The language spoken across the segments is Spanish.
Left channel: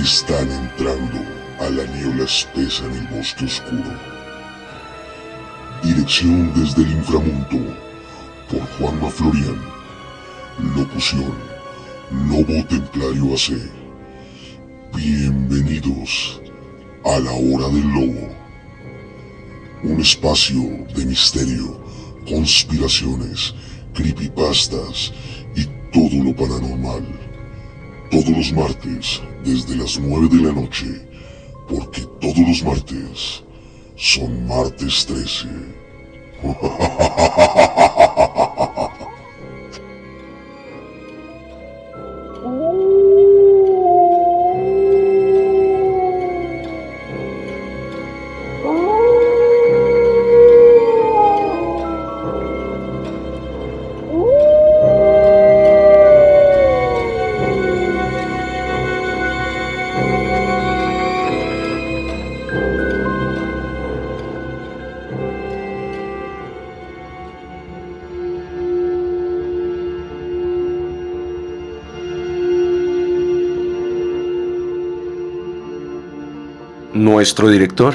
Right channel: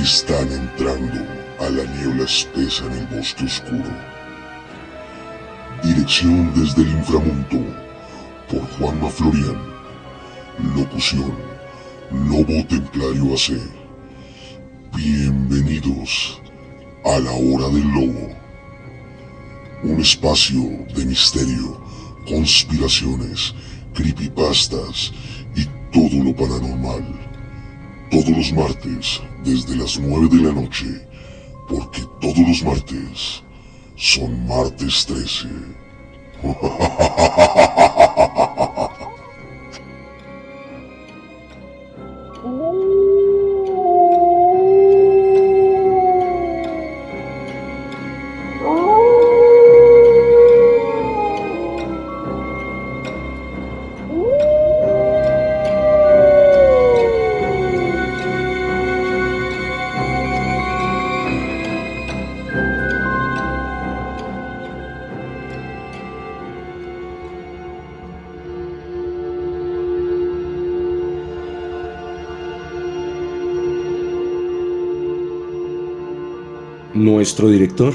Están entrando a la niebla espesa en el bosque oscuro. Dirección desde el inframundo por Juanma Florian. Locución Lobo Templario AC. Bienvenidos a la Hora del Lobo. Un espacio de misterio, conspiraciones, creepypastas y todo lo paranormal. Todos los martes, desde las 9 de la noche, porque todos los martes son martes 13. Nuestro director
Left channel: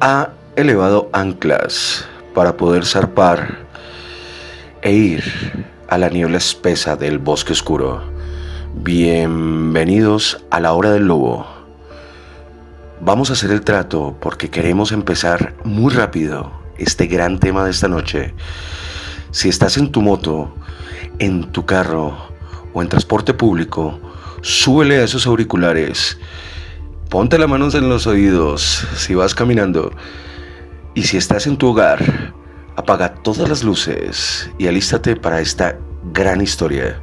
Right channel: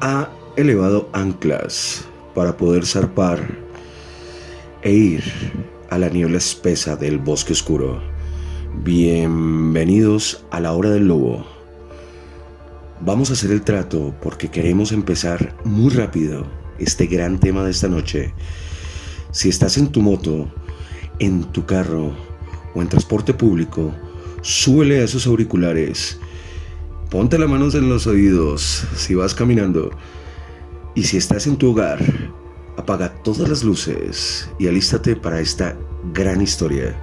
ha elevado anclas para poder zarpar e ir a la niebla espesa del bosque oscuro. Bienvenidos a la Hora del Lobo. Vamos a hacer el trato porque queremos empezar muy rápido este gran tema de esta noche. Si estás en tu moto, en tu carro o en transporte público, súbele a esos auriculares. Ponte las manos en los oídos si vas caminando. Y si estás en tu hogar, apaga todas las luces y alístate para esta gran historia.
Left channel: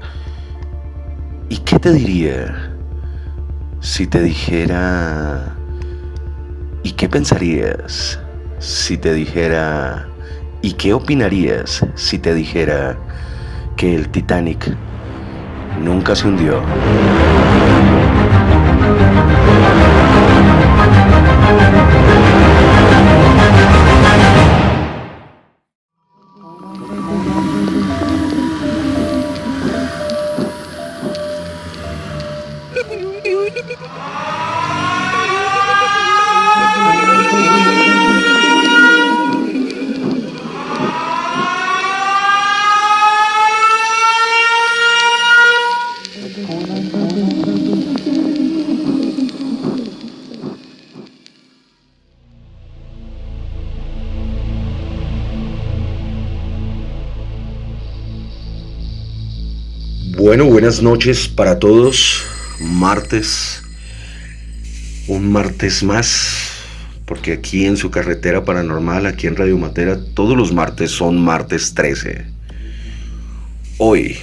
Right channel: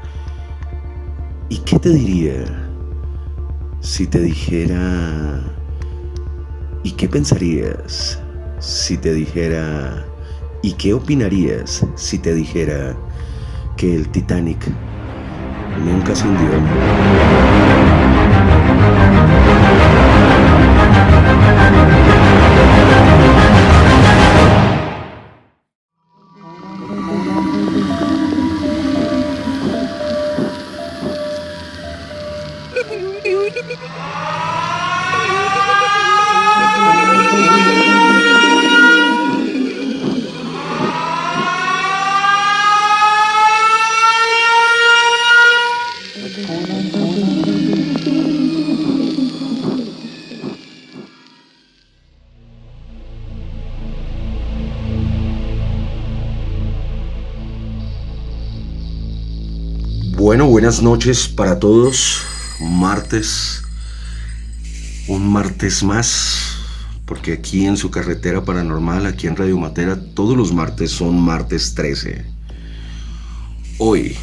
¿Y qué te diría si te dijera? ¿Y qué pensarías si te dijera? ¿Y qué opinarías si te dijera que el Titanic nunca se hundió? Bueno, buenas noches para todos. Martes, un martes más, porque aquí en su carretera paranormal, aquí en Radio Matera, todos los martes son martes 13. Hoy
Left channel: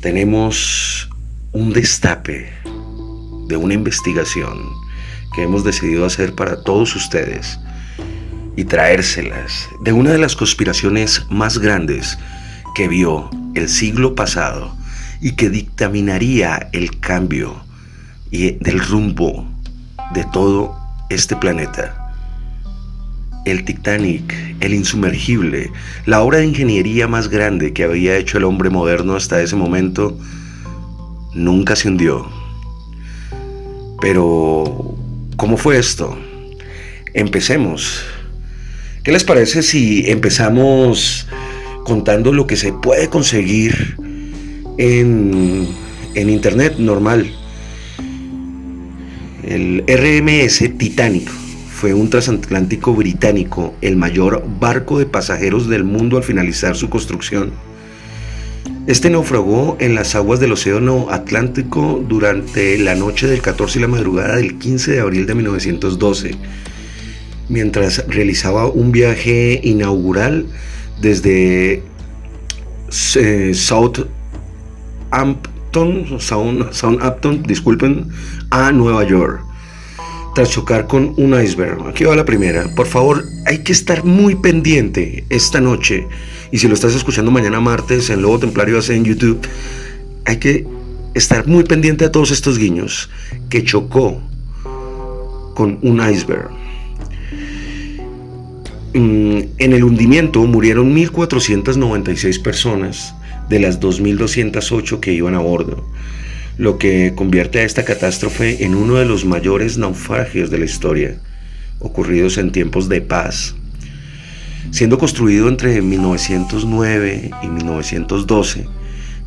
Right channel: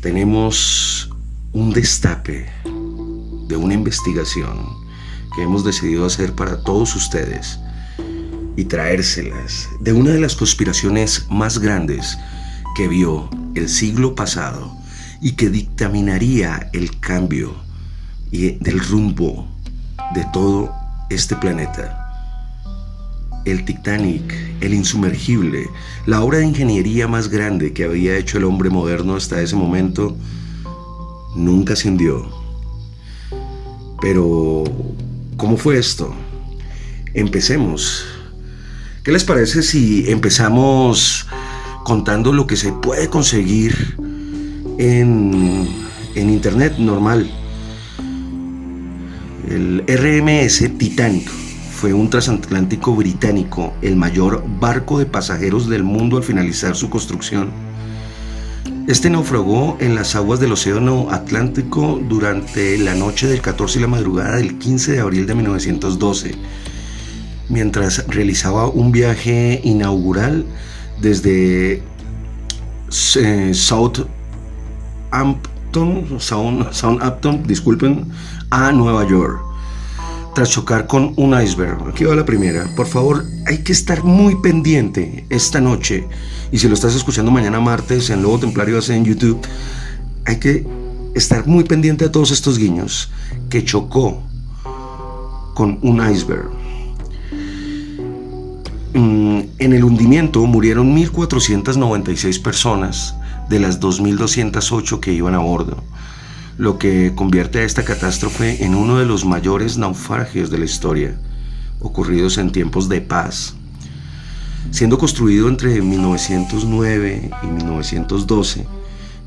tenemos un destape de una investigación que hemos decidido hacer para todos ustedes y traérselas de una de las conspiraciones más grandes que vio el siglo pasado y que dictaminaría el cambio y del rumbo de todo este planeta. El Titanic, el insumergible, la obra de ingeniería más grande que había hecho el hombre moderno hasta ese momento, nunca se hundió. Pero, ¿cómo fue esto? Empecemos. ¿Qué les parece si empezamos contando lo que se puede conseguir en internet normal? El RMS Titanic fue un transatlántico británico, el mayor barco de pasajeros del mundo al finalizar su construcción. Este naufragó en las aguas del Océano Atlántico durante la noche del 14 y la madrugada del 15 de abril de 1912, mientras realizaba un viaje inaugural desde Southampton, disculpen, a Nueva York, tras chocar con un iceberg. Aquí va la primera. Por favor, hay que estar muy pendiente esta noche, y si lo estás escuchando mañana martes en Lobo Templario AC en YouTube, hay que estar muy pendiente de todos estos guiños. Que chocó con un iceberg. En el hundimiento murieron 1.496 personas de las 2.208 que iban a bordo. lo que convierte a esta catástrofe en uno de los mayores naufragios de la historia, ocurridos en tiempos de paz. Siendo construido entre 1909 y 1912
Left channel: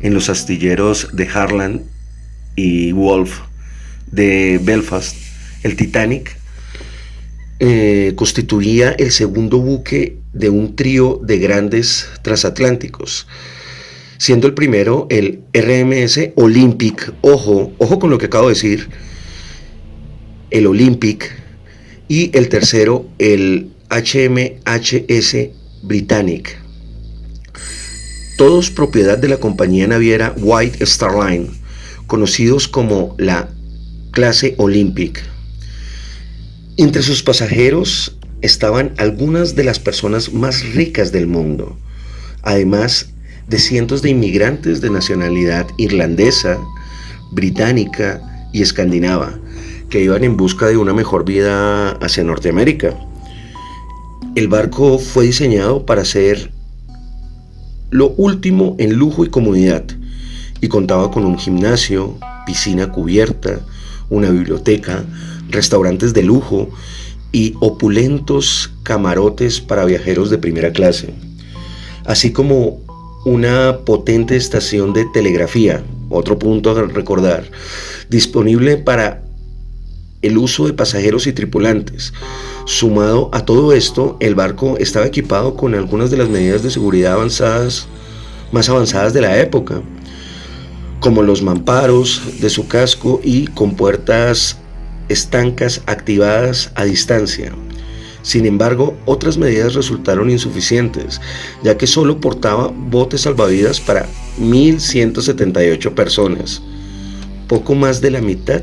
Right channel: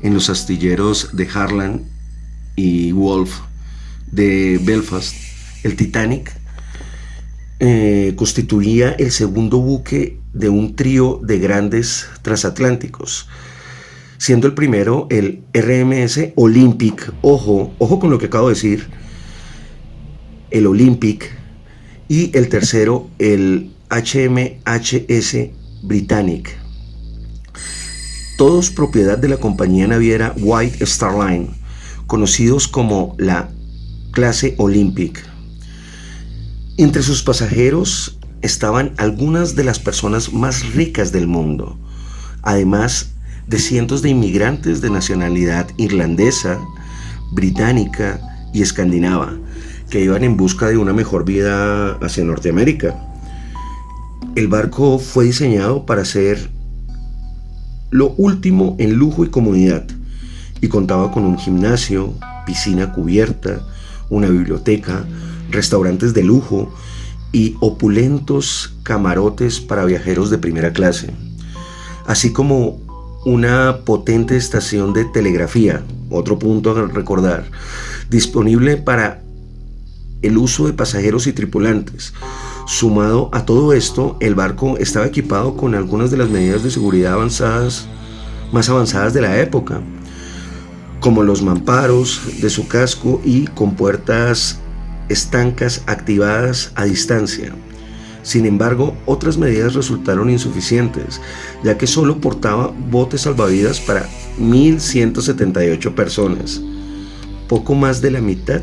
en los astilleros de Harland y Wolff de Belfast, el Titanic constituía el segundo buque de un trío de grandes transatlánticos, siendo el primero el RMS Olympic, ojo con lo que acabo de decir, el Olympic, y el tercero el HMHS Britannic, todos propiedad de la compañía naviera White Star Line, conocidos como la clase Olympic. Entre sus pasajeros estaban algunas de las personas más ricas del mundo, además de cientos de inmigrantes de nacionalidad irlandesa, británica y escandinava, que iban en busca de una mejor vida hacia Norteamérica. El barco fue diseñado para ser lo último en lujo y comodidad, y contaba con un gimnasio, piscina cubierta, una biblioteca, restaurantes de lujo y opulentos camarotes para viajeros de primera clase, así como una potente estación de telegrafía, otro punto a recordar, disponible para el uso de pasajeros y tripulantes. Sumado a todo esto, el barco estaba equipado con algunas de las medidas de seguridad más avanzadas de la época, como los mamparos de su casco y compuertas estancas activadas a distancia. Sin embargo, otras medidas resultaron insuficientes, ya que solo portaba botes salvavidas para 1.178 personas, poco más de la mitad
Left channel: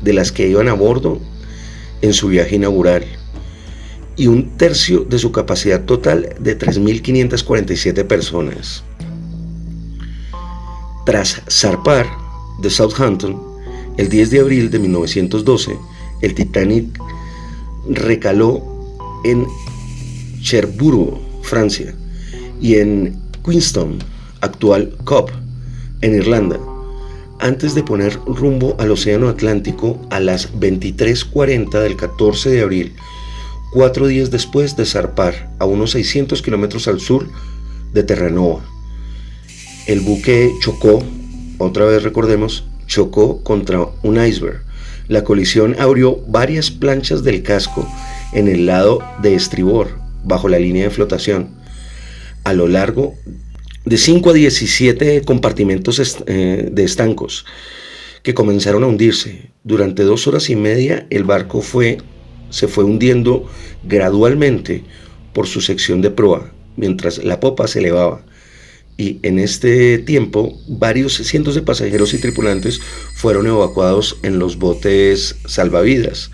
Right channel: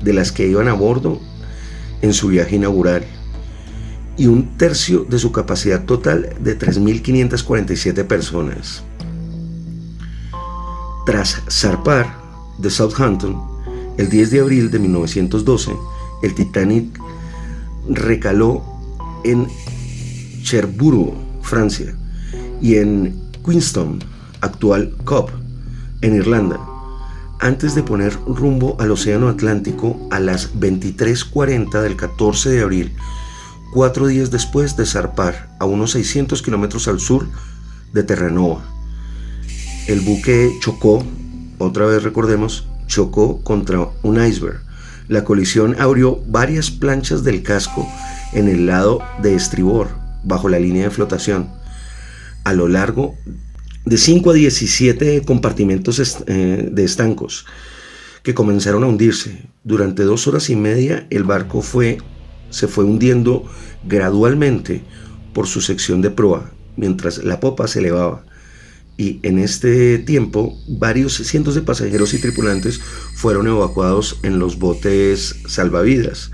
de las que iban a bordo en su viaje inaugural, y un tercio de su capacidad total de 3.547 personas. Tras zarpar de Southampton el 10 de abril de 1912, el Titanic recaló en Cherbourg, Francia, y en Queenstown, actual Cobh, en Irlanda, antes de poner rumbo al Océano Atlántico a las 23:40 del 14 de abril, 4 días después de zarpar a unos 600 kilómetros al sur de Terranova. El buque chocó, otra vez recordemos, chocó contra un iceberg. La colisión abrió varias planchas del casco en el lado de estribor, bajo la línea de flotación. A lo largo de 5 a 17 compartimentos de estancos que comenzaron a hundirse. Durante 2 horas y media el barco se fue hundiendo gradualmente por su sección de proa, mientras la popa se elevaba. Y en este tiempo, varios cientos de pasajeros y tripulantes fueron evacuados en los botes salvavidas,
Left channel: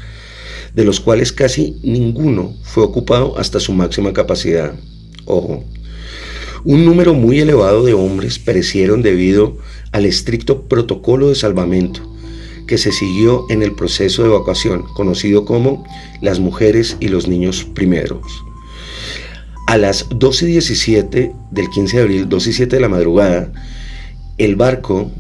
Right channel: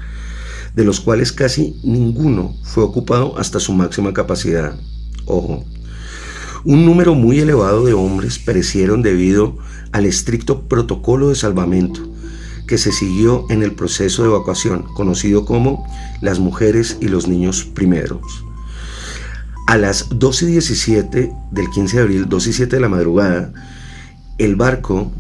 de los cuales casi ninguno fue ocupado hasta su máxima capacidad. Ojo, un número muy elevado de hombres perecieron debido al estricto protocolo de salvamento que se siguió en el proceso de evacuación, conocido como las mujeres y los niños primeros. A las 12:17 del 15 de abril, 2:07 de la madrugada, el barco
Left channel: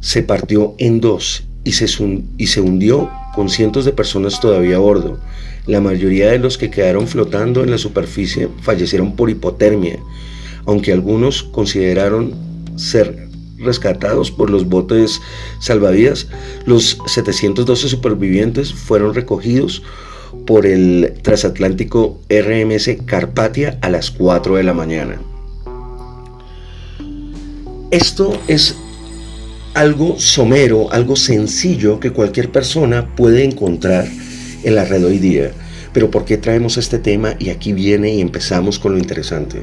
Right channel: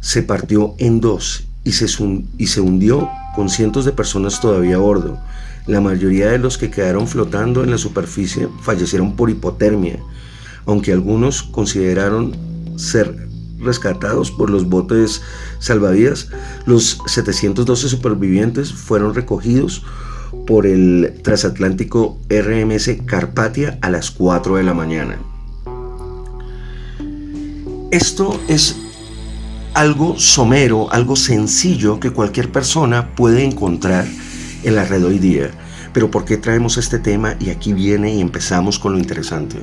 se partió en dos y se hundió con cientos de personas todavía a bordo. La mayoría de los que quedaron flotando en la superficie fallecieron por hipotermia, aunque algunos consideraron ser rescatados por los botes salvavidas. Los 712 supervivientes fueron recogidos por el transatlántico RMS Carpathia a las 4 de la mañana. Esto es algo somero, algo sencillo que cualquier persona puede encontrar en la red hoy día. Pero ¿por qué traemos este tema? Y aquí viene y empezamos con lo interesante.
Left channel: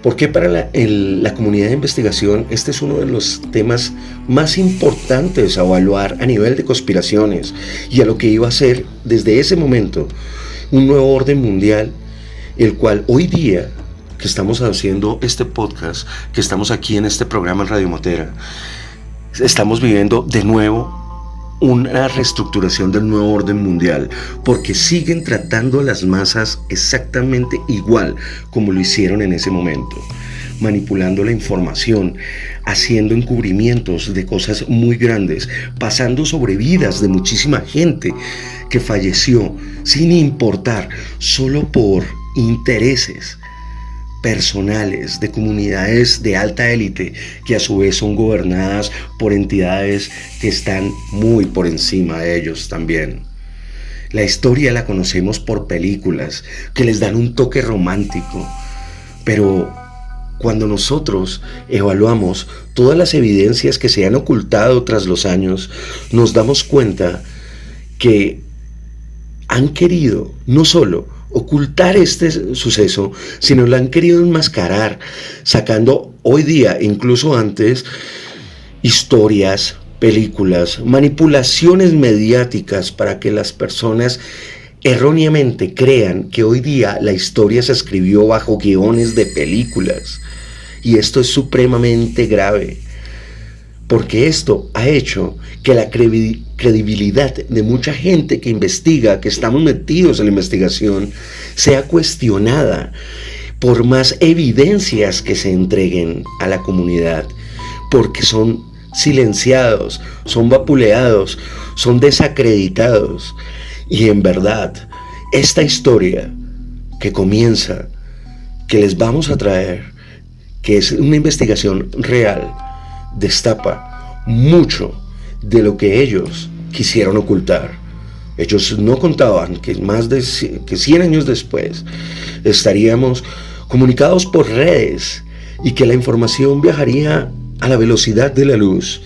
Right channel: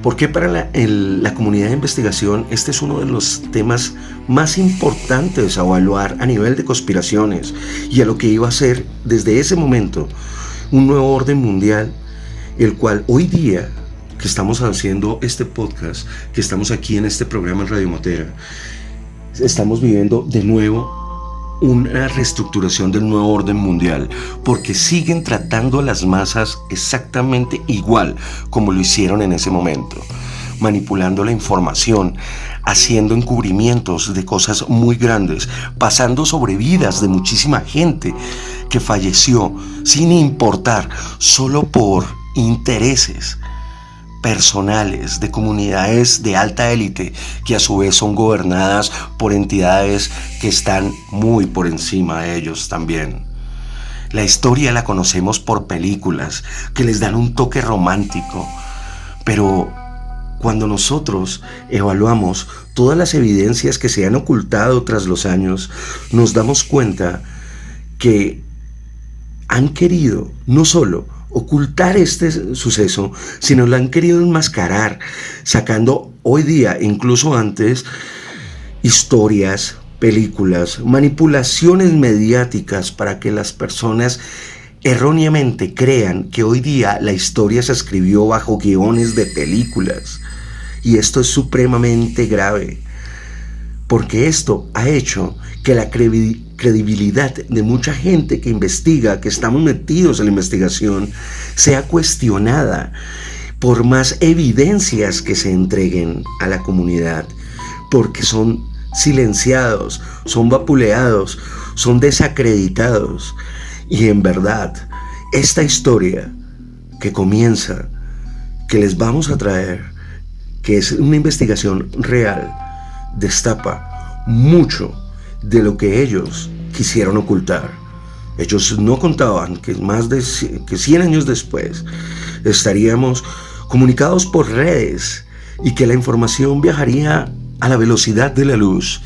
Porque para la comunidad de investigación este es uno de los temas más importantes a evaluar a nivel de conspiraciones y a lo que iba a ser desde ese momento un nuevo orden mundial, el cual hoy día que estamos haciendo este podcast, que estamos aquí en este programa en Radio Motera, estamos viviendo de nuevo una reestructuración del nuevo orden mundial, porque siguen tratando a las masas exactamente igual como lo hicieron en ese momento. manipulando la información, haciendo encubrimientos de cosas muy grandes, pasando sobre vidas de muchísima gente que falleció sin importar, solo por intereses personales de comunidades de alta élite que a su vez son gobernadas por entidades que están muy por encima de ellos también. La historia la conocemos por películas que les dan un toque romántico, pero cuando nosotros evaluamos todas las evidencias que se han ocultado tras los años, nos damos cuenta que han querido no solo ocultar este suceso, sino lo han querido enmascarar, sacando hoy día, incluso antes, historias, películas, manipulaciones mediáticas para que las personas erróneamente crean que hoy día la historia se escribió bajo guiones de películas. Y esto es supremamente grave, porque esto ha hecho que la credibilidad de mucha gente que investiga, que estamos metidos en la investigación, sea cuestionada por más evidencias que se entreguen a la comunidad, porque son silenciados, son vapuleados, son desacreditados. Y en verdad, esta historia que comienza, que les vamos a traer, que es una investigación real, destapa mucho de lo que ellos quisieron ocultar. Ellos no contaban que más de 100 años después estaríamos comunicados por redes y que la información viajaría a la velocidad de la luz,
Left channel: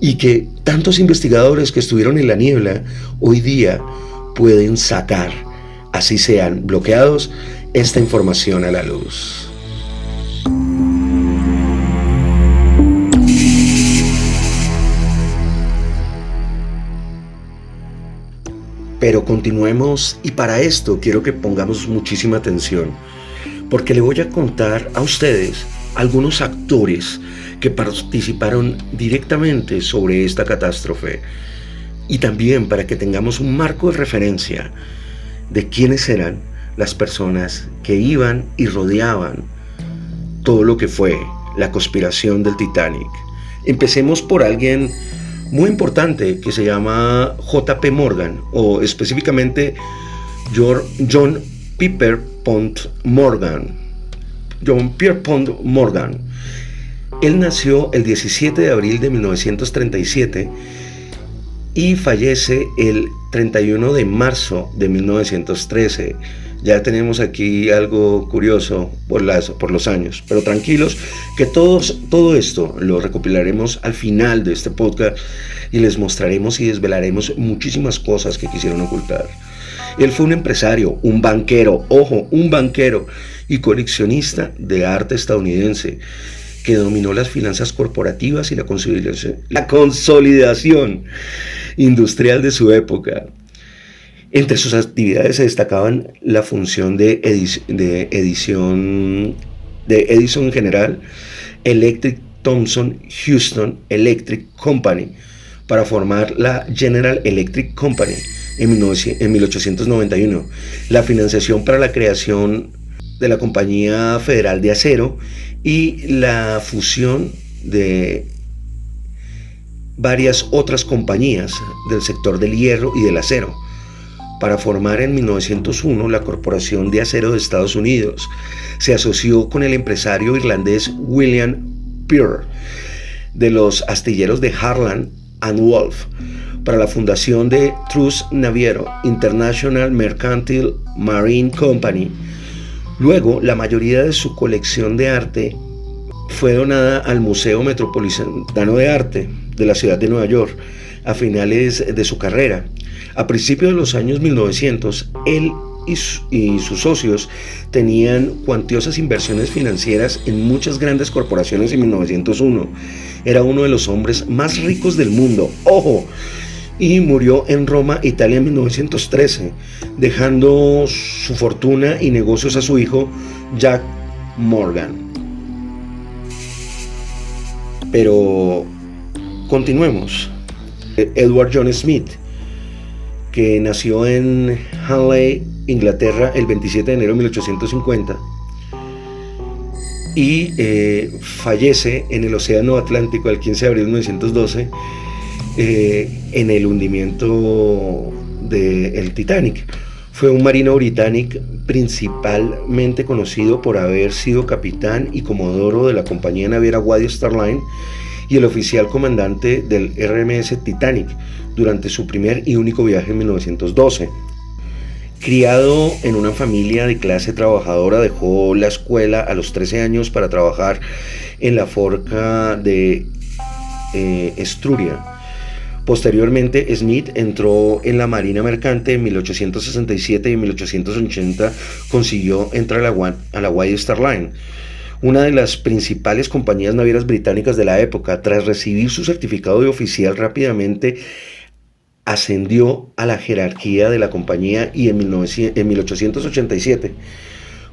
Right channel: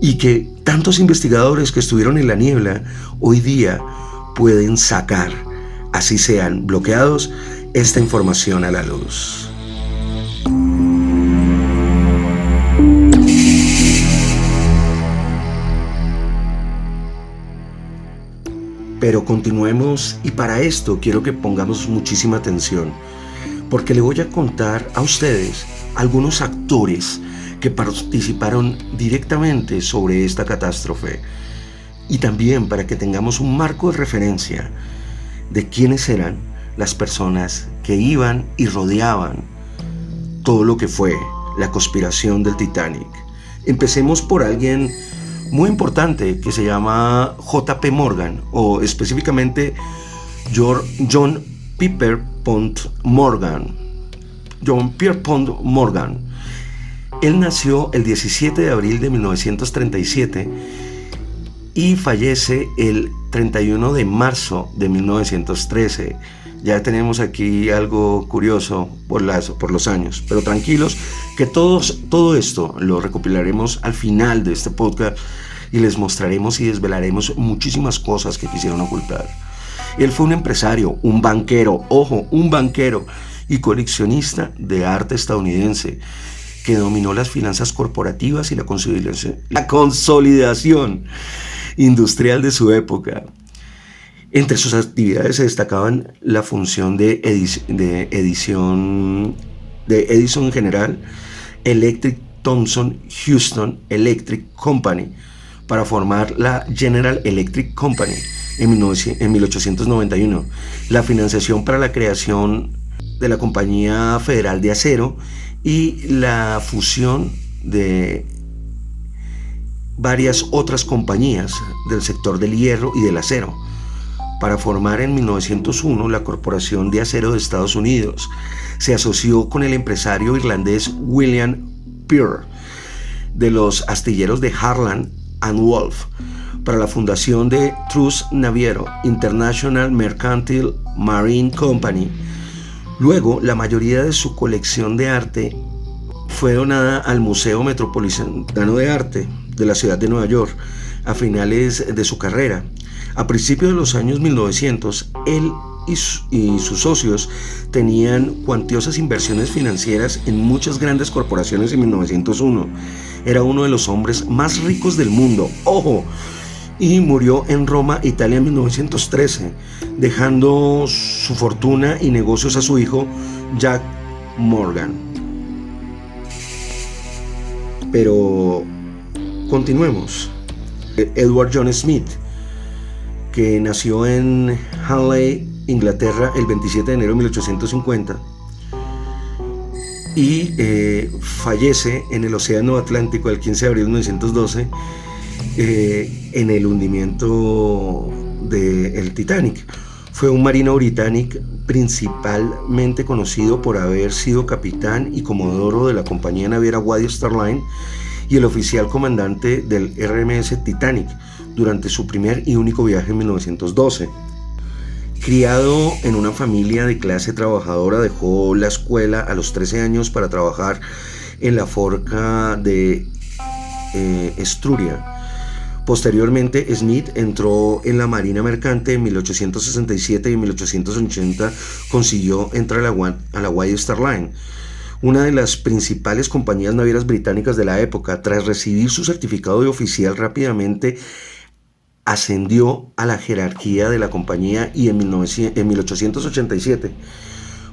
y que tantos investigadores que estuvieron en la niebla hoy día pueden sacar, así sean bloqueados, esta información a la luz. Pero continuemos, y para esto quiero que pongamos muchísima atención, porque le voy a contar a ustedes algunos actores que participaron directamente sobre esta catástrofe, y también para que tengamos un marco de referencia de quiénes eran las personas que iban y rodeaban todo lo que fue la conspiración del Titanic. Empecemos por alguien muy importante que se llama J.P. Morgan, o específicamente John Pierpont Morgan. John Pierpont Morgan. Él nació el 17 de abril de 1937 y fallece el 31 de marzo de 1913. Ya tenemos aquí algo curioso por los años, pero tranquilos que todo esto lo recopilaremos al final de este podcast y les mostraremos y desvelaremos muchísimas cosas que quisieron ocultar. Él fue un empresario, un banquero, un banquero y coleccionista de arte estadounidense que dominó las finanzas corporativas y la consolidación industrial de su época. Entre sus actividades se destacaban la función de Edison en general, Electric Thomson Houston Electric Company, para formar la General Electric Company en 1891, la financiación para la creación de la Compañía Federal de Acero y la fusión de varias otras compañías del sector del hierro y del acero, para formar en 1901 la Corporación de Acero de Estados Unidos. Se asoció con el empresario irlandés William Pearl de los astilleros de Harland and Wolff para la fundación de Truss Naviero International Mercantile Marine Company. Luego, la mayoría de su colección de arte fue donada al Museo Metropolitano de Arte de la ciudad de Nueva York a finales de su carrera. A principios de los años 1900, él y sus socios tenían cuantiosas inversiones financieras en muchas grandes corporaciones en 1901. Era uno de los hombres más ricos del mundo, y murió en Roma, Italia, en 1913, dejando su fortuna y negocios a su hijo Jack Morgan. Pero continuemos. Edward John Smith, que nació en Hanley, Inglaterra, el 27 de enero de 1850, y fallece en el Océano Atlántico el 15 de abril de 1912 en el hundimiento del Titanic. Fue un marino británico principalmente conocido por haber sido capitán y comodoro de la compañía naviera White Star Line y el oficial comandante del RMS Titanic durante su primer y único viaje en 1912. Criado en una familia de clase trabajadora, dejó la escuela a los 13 años para trabajar en la forja de Estruria. Posteriormente, Smith entró en la Marina Mercante en 1867 y en 1880 consiguió entrar a la White Star Line, una de las principales compañías navieras británicas de la época. Tras recibir su certificado de oficial, rápidamente ascendió a la jerarquía de la compañía y en 1887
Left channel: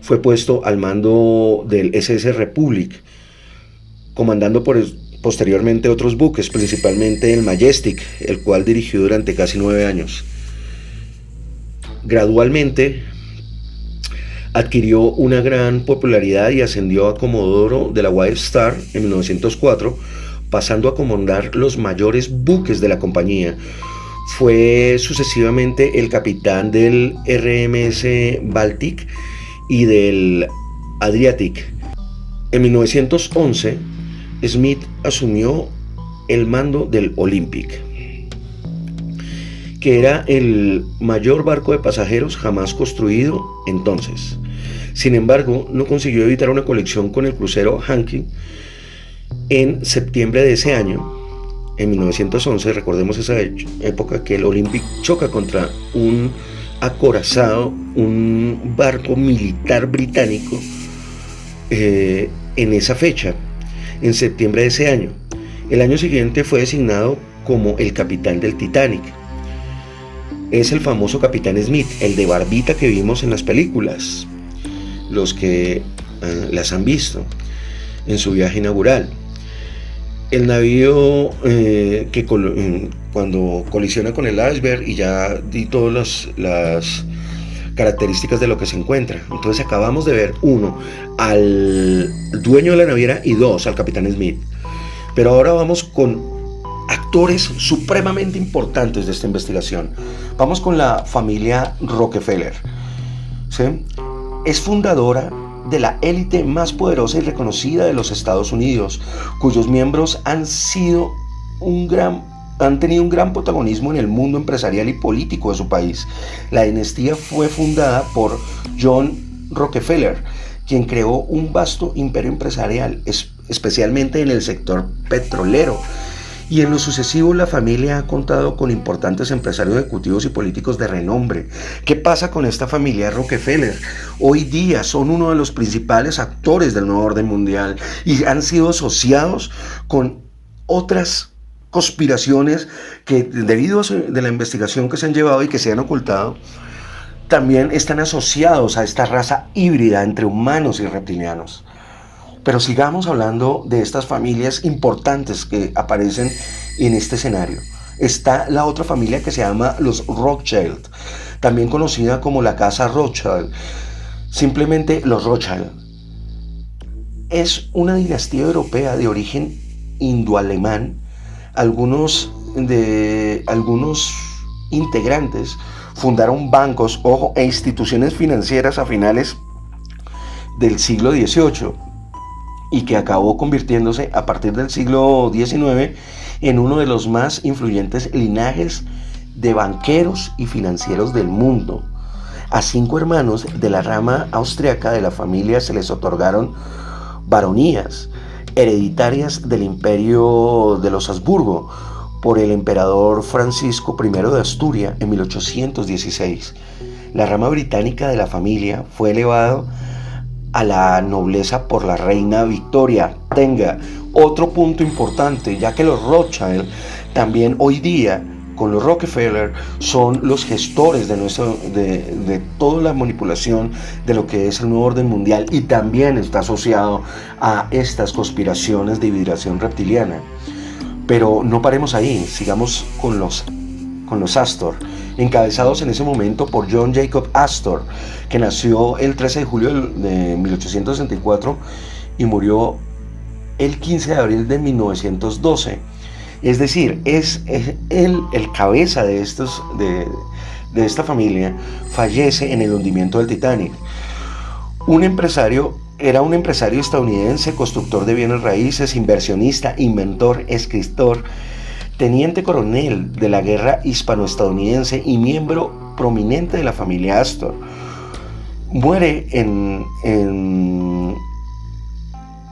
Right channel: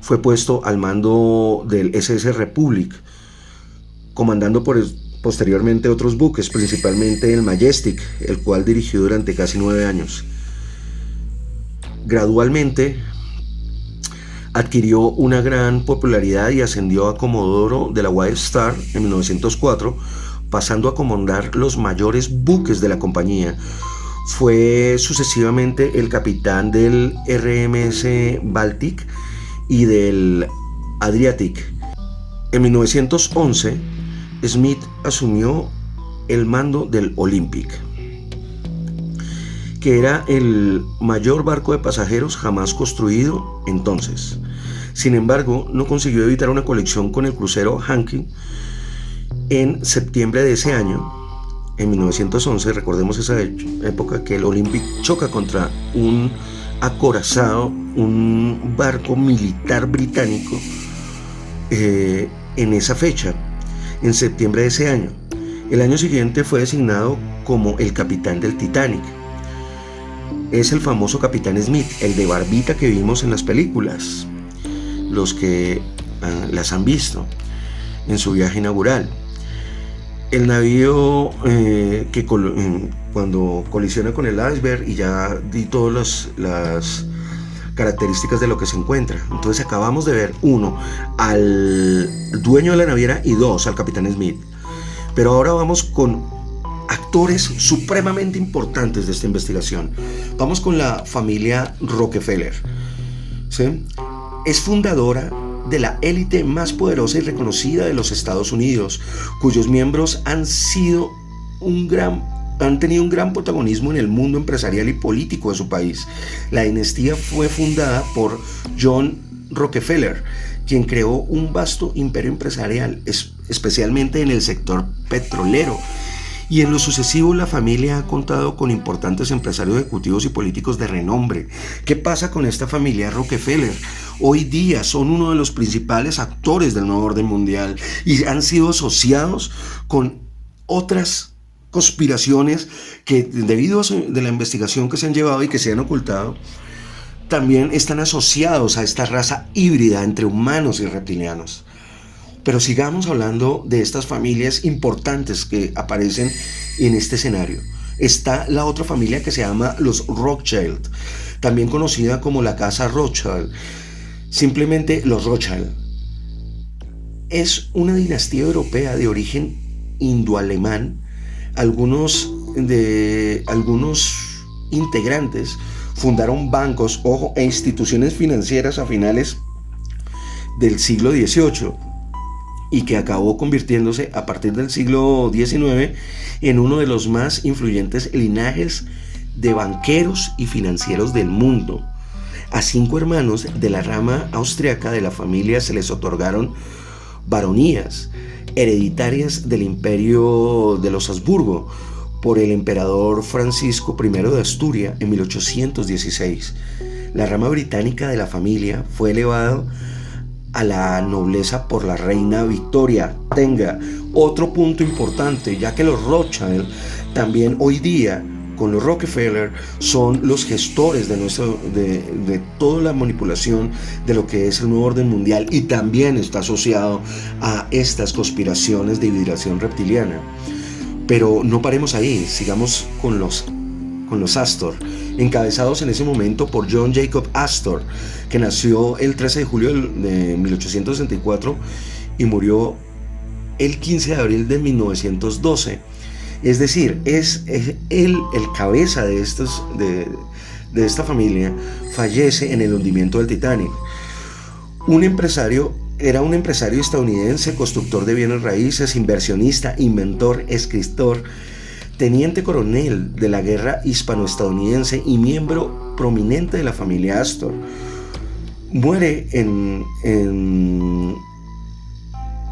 fue puesto al mando del SS Republic, comandando posteriormente otros buques, principalmente el Majestic, el cual dirigió durante casi 9 años. Gradualmente adquirió una gran popularidad y ascendió a comodoro de la White Star en 1904, pasando a comandar los mayores buques de la compañía. Fue sucesivamente el capitán del RMS Baltic y del Adriatic. En 1911, Smith asumió el mando del Olympic, que era el mayor barco de pasajeros jamás construido entonces. Sin embargo, no consiguió evitar una colisión con el crucero Hankey en septiembre de ese año. En 1911, recordemos esa época, que el Olympic choca contra un acorazado, un barco militar británico, en esa fecha, en septiembre de ese año. El año siguiente fue designado como el capitán del Titanic. Es el famoso capitán Smith, el de barbita que vimos en las películas, los que las han visto en su viaje inaugural. El navío cuando colisiona con el iceberg, y ya di todas las características de lo que se encuentra. Entonces acabamos de ver, 1, al dueño de la naviera, y 2, al capitán Smith. Pero ahora vamos con actores supremamente importantes de esta investigación. Vamos con la familia Rockefeller, ¿sí? Es fundadora de la élite más poderosa y reconocida de los Estados Unidos, cuyos miembros han tenido un gran protagonismo en el mundo empresarial y político de su país. La dinastía fue fundada por John Rockefeller, quien creó un vasto imperio empresarial, especialmente en el sector petrolero. Y en lo sucesivo, la familia ha contado con importantes empresarios ejecutivos y políticos de renombre. ¿Qué pasa con esta familia Rockefeller? Hoy día son uno de los principales actores del nuevo orden mundial y han sido asociados con otras conspiraciones que, debido a la investigación que se han llevado y que se han ocultado, también están asociados a esta raza híbrida entre humanos y reptilianos. Pero sigamos hablando de estas familias importantes que aparecen en este escenario. Está la otra familia que se llama los Rothschild, también conocida como la casa Rothschild, simplemente los Rothschild. Es una dinastía europea de origen indoalemán. Algunos integrantes fundaron bancos e instituciones financieras a finales del siglo XVIII, y que acabó convirtiéndose a partir del siglo XIX en uno de los más influyentes linajes de banqueros y financieros del mundo. A 5 hermanos de la rama austriaca de la familia se les otorgaron baronías hereditarias del imperio de los Habsburgo por el emperador Francisco I de Asturias en 1816. La rama británica de la familia fue elevada a la nobleza por la reina Victoria. Tenga otro punto importante, ya que los Rothschild también hoy día, con los Rockefeller, son los gestores de toda la manipulación de lo que es el nuevo orden mundial, y también está asociado a estas conspiraciones de hibridación reptiliana. Pero no paremos ahí, sigamos con los Astor, encabezados en ese momento por John Jacob Astor, que nació el 13 de julio de 1864 y murió el 15 de abril de 1912. Es decir, es él, el cabeza de esta familia, fallece en el hundimiento del Titanic. Era un empresario estadounidense, constructor de bienes raíces, inversionista, inventor, escritor, teniente coronel de la guerra hispano-estadounidense y miembro prominente de la familia Astor. Muere en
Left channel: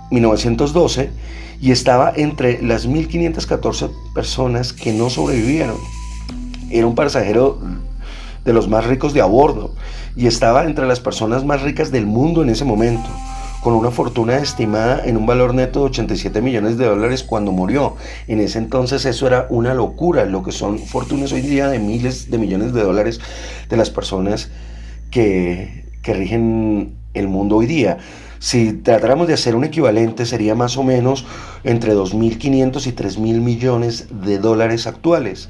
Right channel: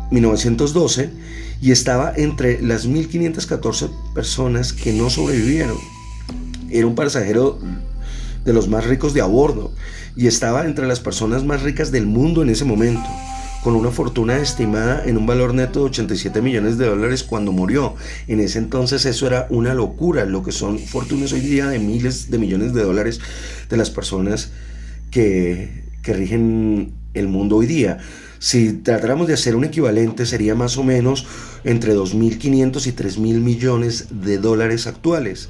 1912 y estaba entre las 1514 personas que no sobrevivieron. Era un pasajero de los más ricos de a bordo y estaba entre las personas más ricas del mundo en ese momento, con una fortuna estimada en un valor neto de 87 millones de dólares cuando murió. En ese entonces eso era una locura, lo que son fortunas hoy día de miles de millones de dólares de las personas que rigen el mundo hoy día. Si tratáramos de hacer un equivalente, sería más o menos entre 2.500 y 3.000 millones de dólares actuales.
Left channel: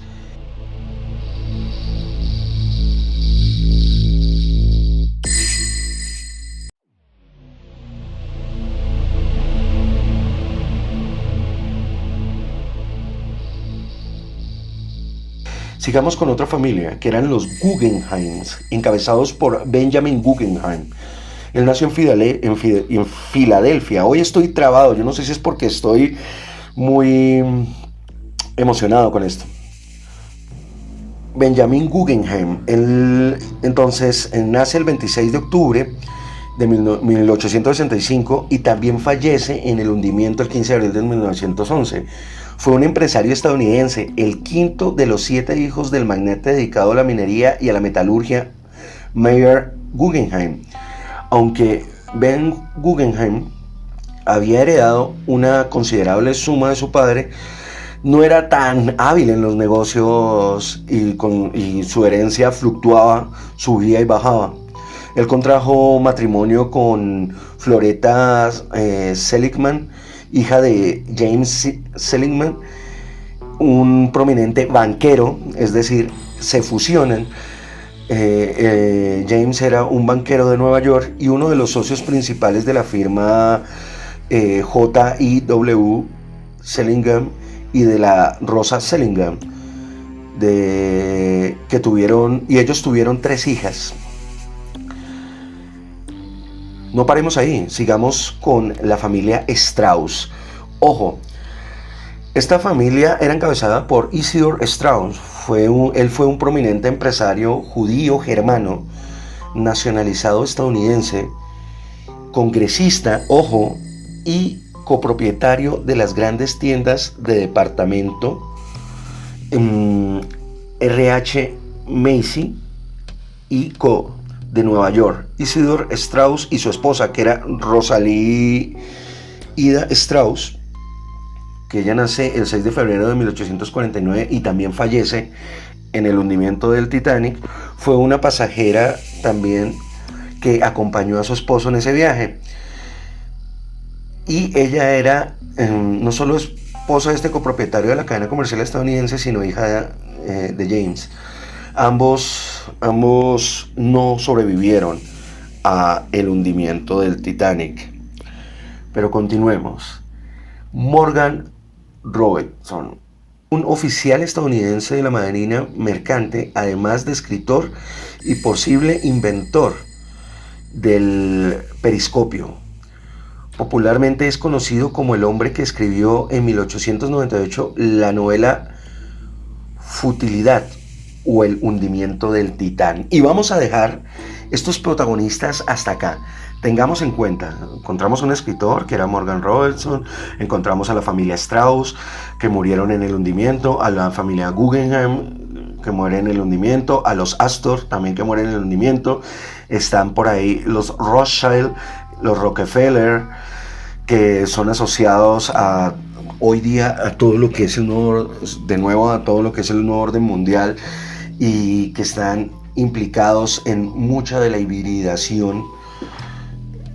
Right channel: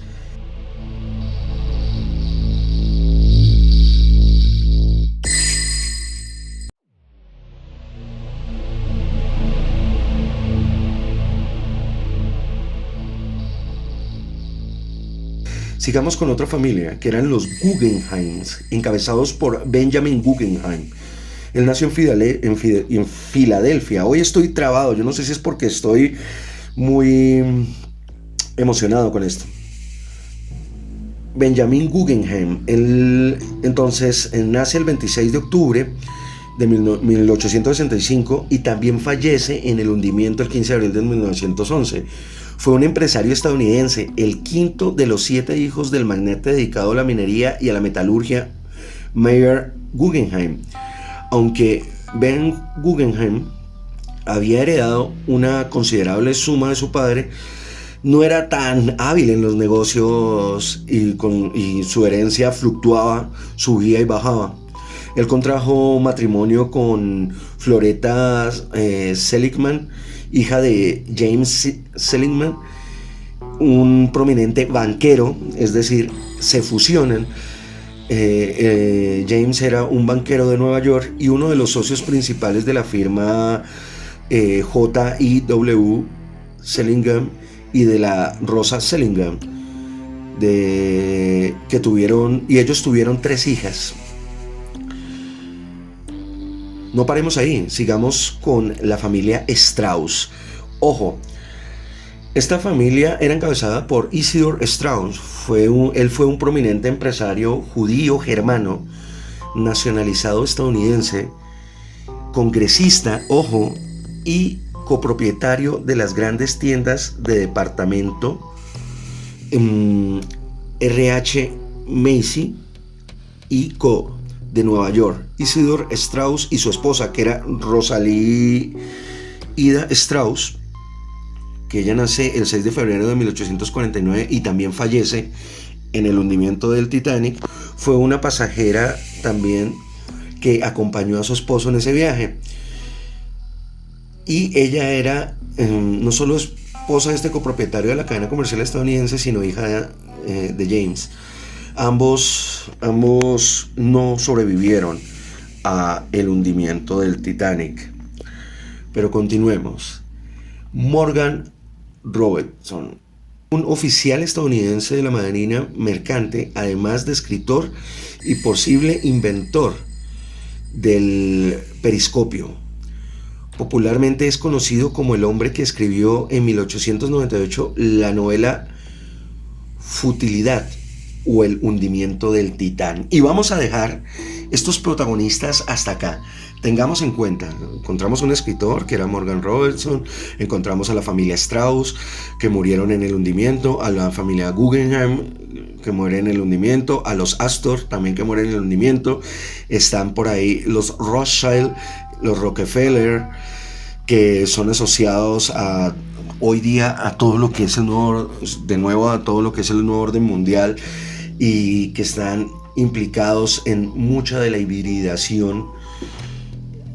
Sigamos con otra familia, que eran los Guggenheims, encabezados por Benjamin Guggenheim. Él nació en Filadelfia. Hoy estoy trabado, yo no sé si es porque estoy muy emocionado con esto. Benjamin Guggenheim, él entonces nace el 26 de octubre de 1865 y también fallece en el hundimiento el 15 de abril de 1911. Fue un empresario estadounidense, el quinto de los 7 hijos del magnate dedicado a la minería y a la metalurgia Meyer Guggenheim. Aunque Ben Guggenheim había heredado una considerable suma de su padre, no era tan hábil en los negocios y su herencia fluctuaba, subía y bajaba. Él contrajo matrimonio con Floretta Seligman, hija de James Seligman, un prominente banquero, es decir, se fusionan. James era un banquero de Nueva York y uno de los socios principales de la firma J.I.W. Sellingham y de la Rosa Sellingham, ellos tuvieron 3 hijas. No paremos ahí, sigamos con la familia Strauss. Ojo, esta familia era encabezada por Isidor Strauss. Él fue un prominente empresario judío germano, nacionalizado estadounidense, congresista, ojo, y copropietario de las grandes tiendas de departamento RH Macy y Co. de Nueva York. Isidor Strauss y su esposa, que era Rosalie Ida Strauss, que ella nace el 6 de febrero de 1849 y también fallece en el hundimiento del Titanic, fue una pasajera también que acompañó a su esposo en ese viaje. Y ella era no solo esposa de este copropietario de la cadena comercial estadounidense, sino hija de James. Ambos no sobrevivieron a el hundimiento del Titanic. Pero continuemos. Morgan Robertson, un oficial estadounidense de la Marina Mercante, además de escritor y posible inventor del periscopio. Popularmente es conocido como el hombre que escribió en 1898 la novela Futilidad o el hundimiento del Titán. Y vamos a dejar estos protagonistas hasta acá. Tengamos en cuenta, encontramos un escritor que era Morgan Robertson, encontramos a la familia Strauss que murieron en el hundimiento, a la familia Guggenheim que muere en el hundimiento, a los Astor también que mueren en el hundimiento, están por ahí los Rothschild, los Rockefeller, que son asociados hoy día a todo lo que es a todo lo que es el nuevo orden mundial y que están implicados en mucha de la hibridación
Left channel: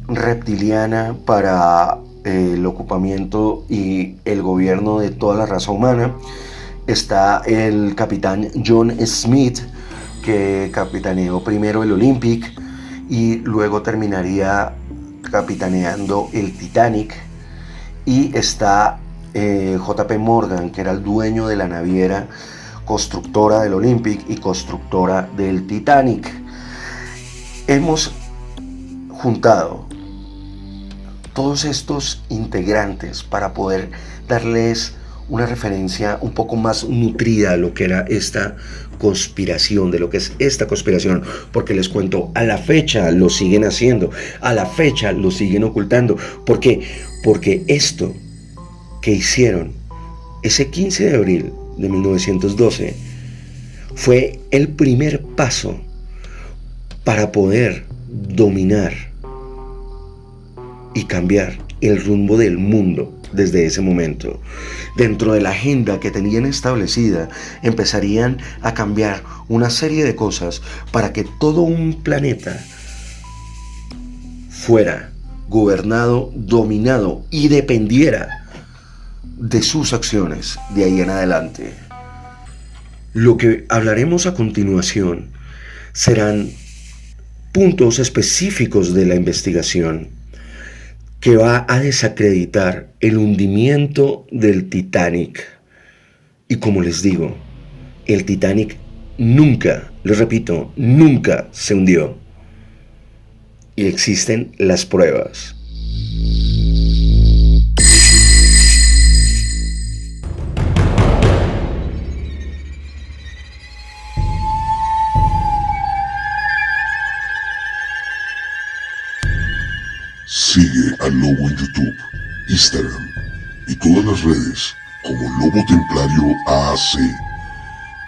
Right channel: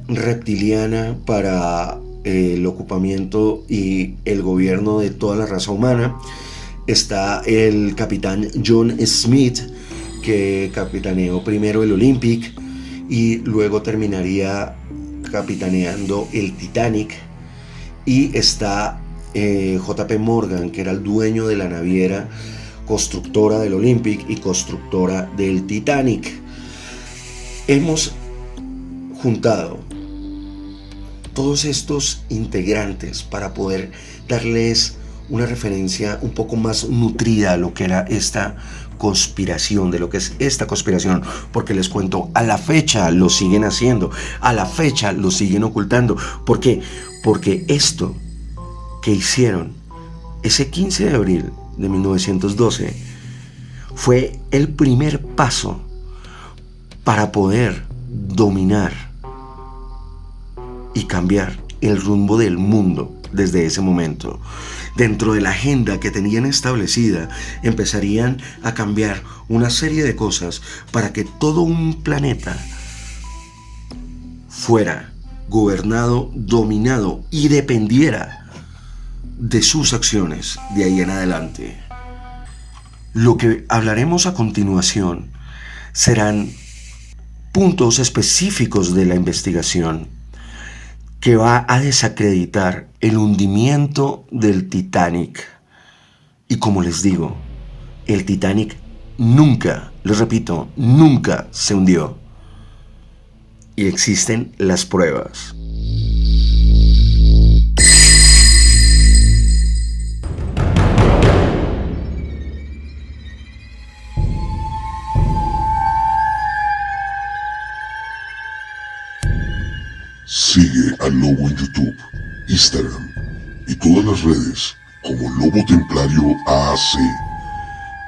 reptiliana para el ocupamiento y el gobierno de toda la raza humana. Está el capitán John Smith, que capitaneó primero el Olympic y luego terminaría capitaneando el Titanic y está JP Morgan, que era el dueño de la naviera constructora del Olympic y constructora del Titanic. Hemos juntado todos estos integrantes para poder darles una referencia un poco más nutrida a lo que era esta conspiración, de lo que es esta conspiración, porque les cuento, a la fecha lo siguen haciendo, a la fecha lo siguen ocultando. ¿Por qué? Porque esto que hicieron ese 15 de abril de 1912 fue el primer paso para poder dominar y cambiar el rumbo del mundo. Desde ese momento, dentro de la agenda que tenían establecida, empezarían a cambiar una serie de cosas para que todo un planeta fuera gobernado, dominado y dependiera de sus acciones de ahí en adelante. Lo que hablaremos a continuación serán puntos específicos de la investigación que va a desacreditar el hundimiento del Titanic. Y como les digo, el Titanic nunca, les repito, nunca se hundió. Y existen las pruebas. Sigue al Lobo en YouTube, Instagram y todas las redes como Lobo Templario AAC.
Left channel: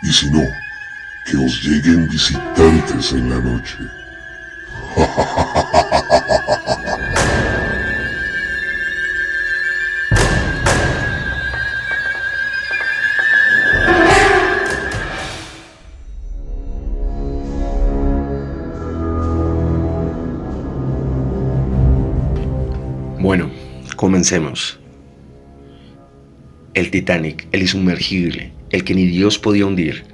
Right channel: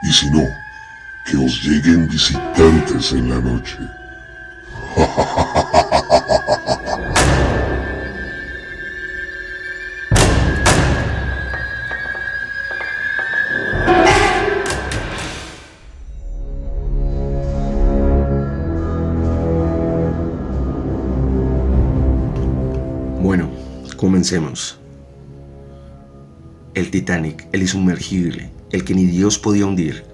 Y si no, que os lleguen visitantes en la noche. Bueno, comencemos. El Titanic, el insumergible, el que ni Dios podía hundir.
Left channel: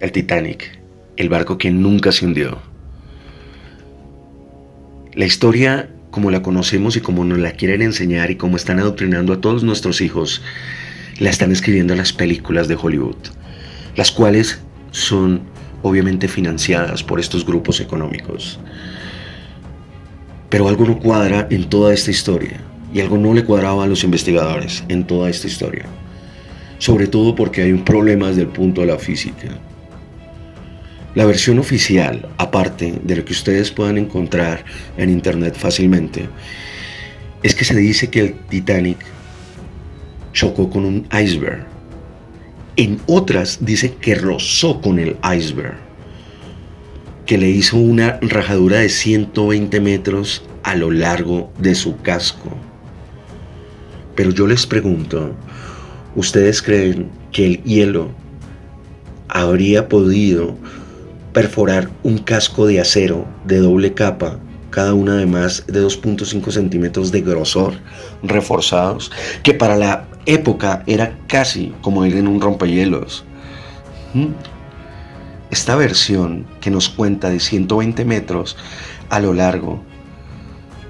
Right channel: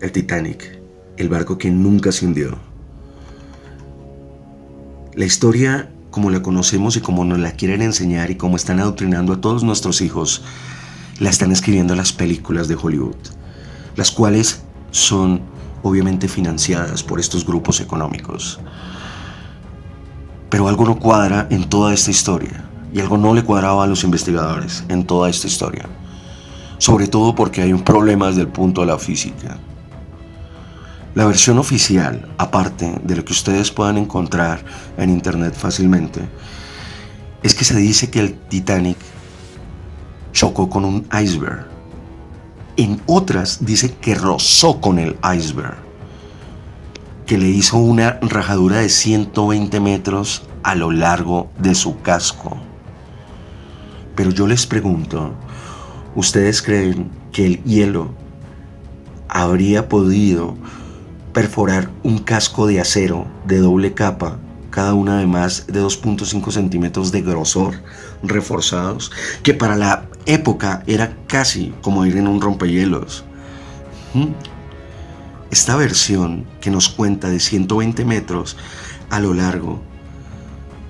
El Titanic, el barco que nunca se hundió. La historia, como la conocemos y como nos la quieren enseñar y como están adoctrinando a todos nuestros hijos, la están escribiendo las películas de Hollywood, las cuales son obviamente financiadas por estos grupos económicos. Pero algo no cuadra en toda esta historia, y algo no le cuadraba a los investigadores en toda esta historia, sobre todo porque hay un problema desde el punto de la física. La versión oficial, aparte de lo que ustedes puedan encontrar en internet fácilmente, es que se dice que el Titanic chocó con un iceberg. En otras dice que rozó con el iceberg, que le hizo una rajadura de 120 metros a lo largo de su casco. Pero yo les pregunto, ¿ustedes creen que el hielo habría podido perforar un casco de acero de doble capa, cada una de más de 2.5 centímetros de grosor, reforzados, que para la época era casi como ir en un rompehielos? Esta versión que nos cuenta de 120 metros a lo largo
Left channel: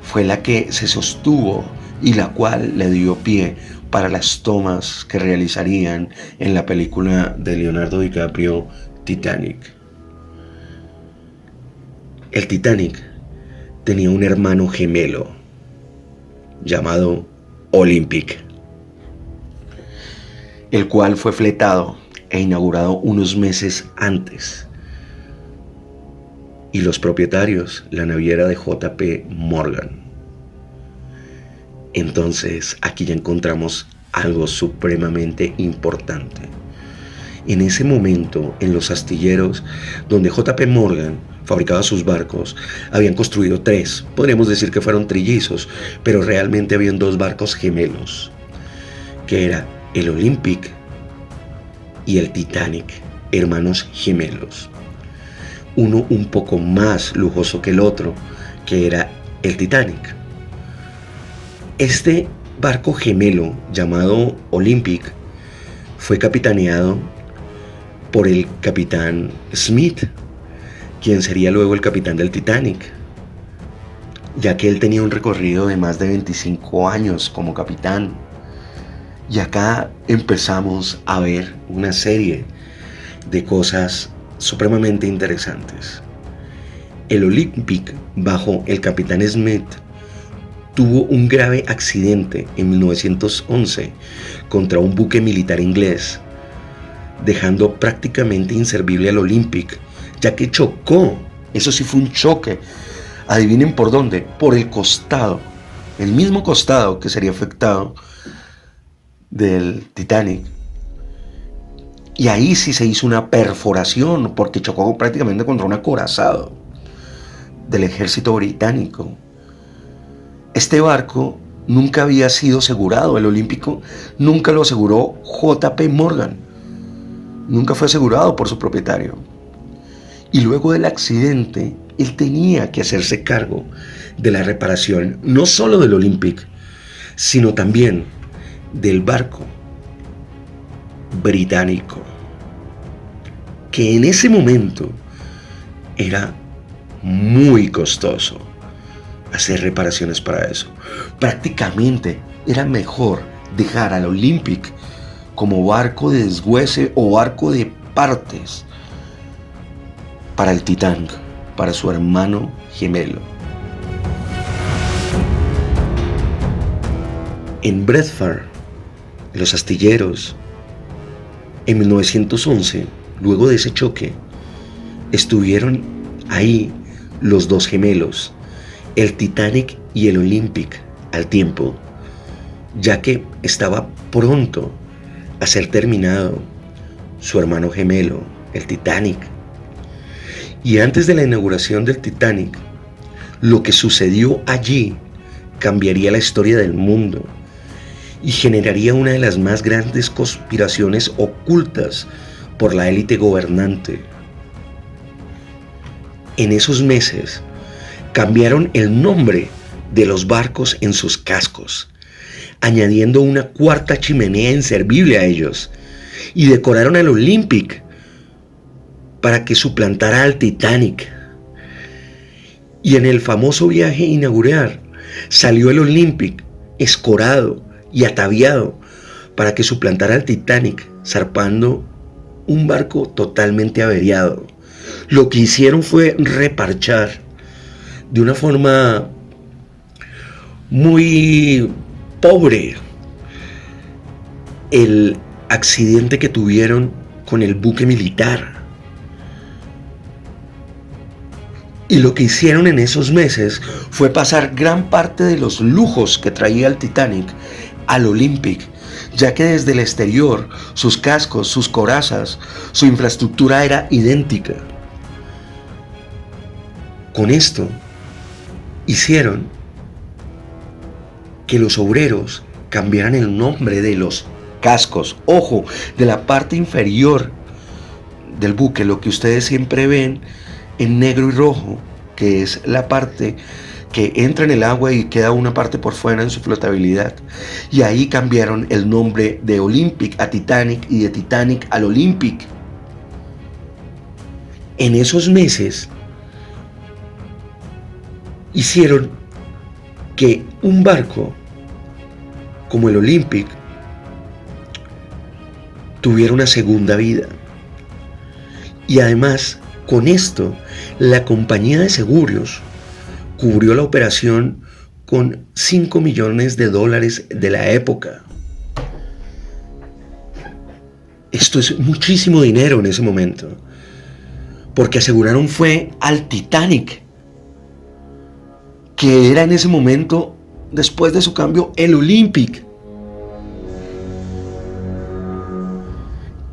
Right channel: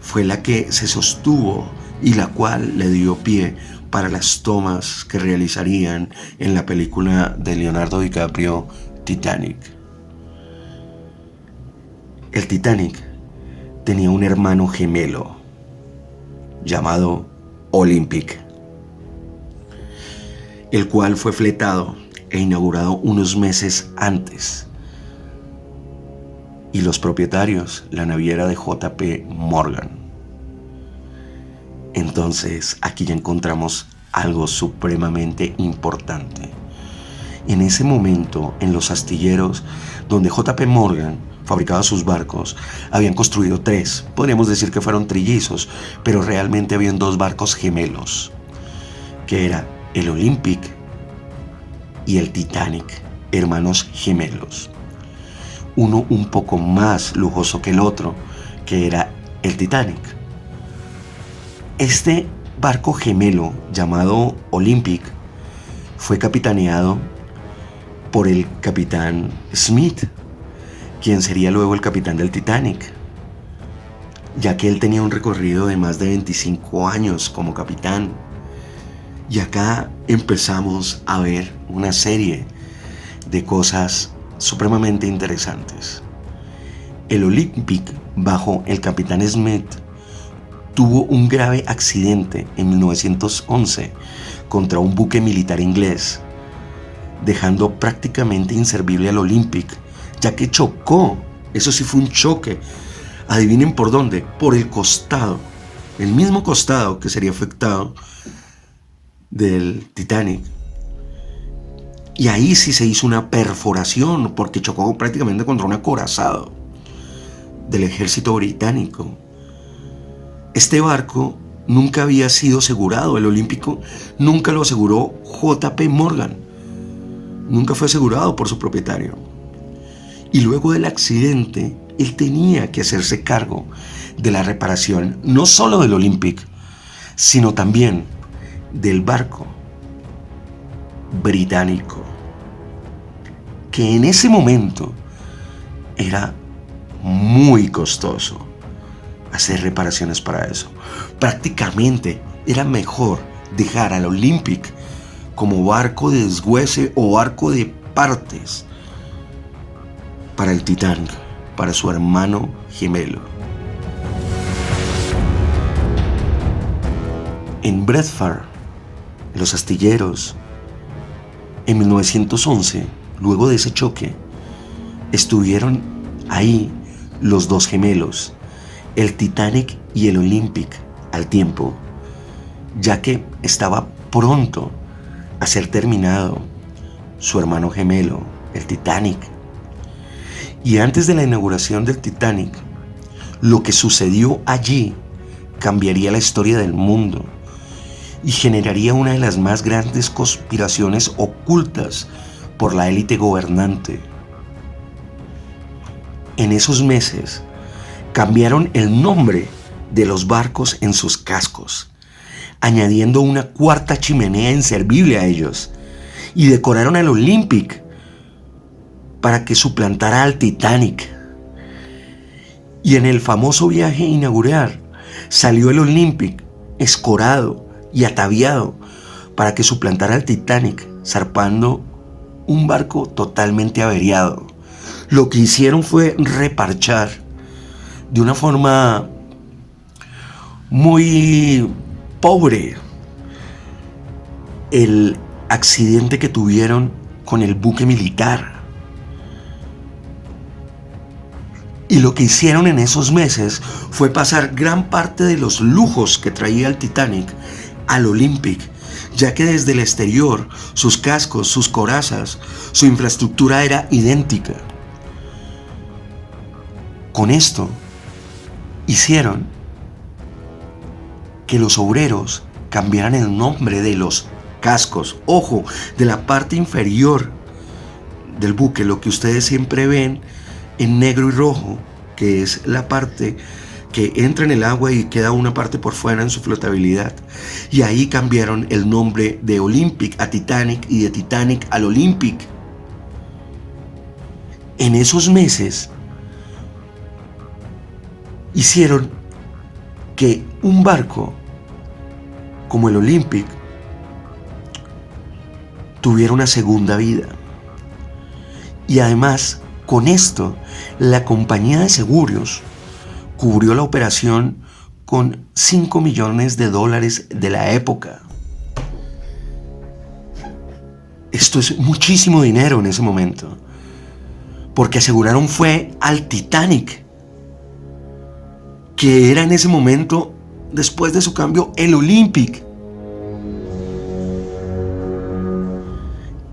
fue la que se sostuvo y la cual le dio pie para las tomas que realizarían en la película de Leonardo DiCaprio, Titanic. El Titanic tenía un hermano gemelo llamado Olympic, el cual fue fletado e inaugurado unos meses antes. Y los propietarios, la naviera de JP Morgan. Entonces, aquí ya encontramos algo supremamente importante. En ese momento, en los astilleros donde JP Morgan fabricaba sus barcos, habían construido 3. Podríamos decir que fueron trillizos, pero realmente habían 2 barcos gemelos, que era el Olympic y el Titanic, hermanos gemelos. Uno un poco más lujoso que el otro, que era el Titanic. Este barco gemelo llamado Olympic fue capitaneado por el capitán Smith, quien sería luego el capitán del Titanic. ya que él tenía un recorrido de más de 25 años como capitán. Y acá empezamos a ver una serie de cosas supremamente interesantes. El Olympic, bajo el capitán Smith, tuvo un grave accidente en 1911 contra un buque militar inglés, dejando prácticamente inservible al Olympic, ya que chocó. Eso sí fue un choque. Adivinen por dónde. Por el costado. El mismo costado que sería afectado del Titanic. Y ahí sí se hizo una perforación porque chocó prácticamente contra un acorazado del ejército británico. Este barco nunca había sido asegurado. El Olímpico nunca lo aseguró J.P. Morgan. Nunca fue asegurado por su propietario. Y luego del accidente, él tenía que hacerse cargo de la reparación, no solo del Olympic, sino también del barco británico, que en ese momento era muy costoso hacer reparaciones para eso. Prácticamente era mejor dejar al Olympic como barco de desguace o barco de partes para el Titanic, para su hermano gemelo. En Bradford, los astilleros, en 1911, luego de ese choque, estuvieron ahí los dos gemelos, el Titanic y el Olympic, al tiempo, ya que estaba pronto a ser terminado su hermano gemelo, el Titanic. Y antes de la inauguración del Titanic, lo que sucedió allí cambiaría la historia del mundo y generaría una de las más grandes conspiraciones ocultas por la élite gobernante. En esos meses cambiaron el nombre de los barcos en sus cascos, añadiendo una cuarta chimenea inservible a ellos, y decoraron al Olympic para que suplantara al Titanic. Y en el famoso viaje inaugural salió el Olympic escorado y ataviado para que suplantara al Titanic, zarpando un barco totalmente averiado. Lo que hicieron fue reparchar de una forma muy pobre el accidente que tuvieron con el buque militar. Y lo que hicieron en esos meses fue pasar gran parte de los lujos que traía el Titanic al Olympic, ya que desde el exterior sus cascos, sus corazas, su infraestructura era idéntica. Con esto hicieron que los obreros cambiaran el nombre de los cascos, ojo, de la parte inferior del buque, lo que ustedes siempre ven en negro y rojo, que es la parte que entra en el agua y queda una parte por fuera en su flotabilidad. Y ahí cambiaron el nombre de Olympic a Titanic y de Titanic al Olympic. En esos meses hicieron que un barco como el Olympic tuviera una segunda vida. Y además, con esto, la compañía de seguros cubrió la operación con $5 millones de la época. Esto es muchísimo dinero en ese momento, porque aseguraron fue al Titanic, que era en ese momento, después de su cambio, el Olympic.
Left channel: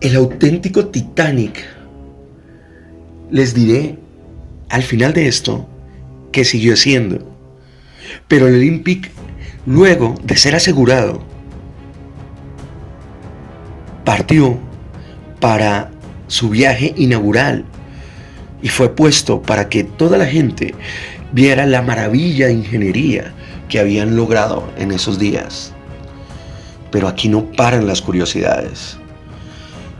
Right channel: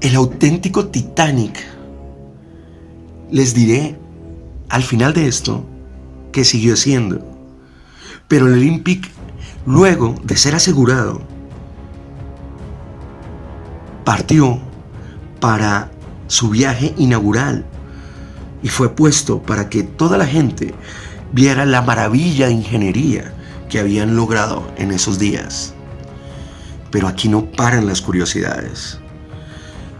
El auténtico Titanic, les diré al final de esto que siguió siendo. Pero el Olympic, luego de ser asegurado, partió para su viaje inaugural y fue puesto para que toda la gente viera la maravilla de ingeniería que habían logrado en esos días. Pero aquí no paran las curiosidades.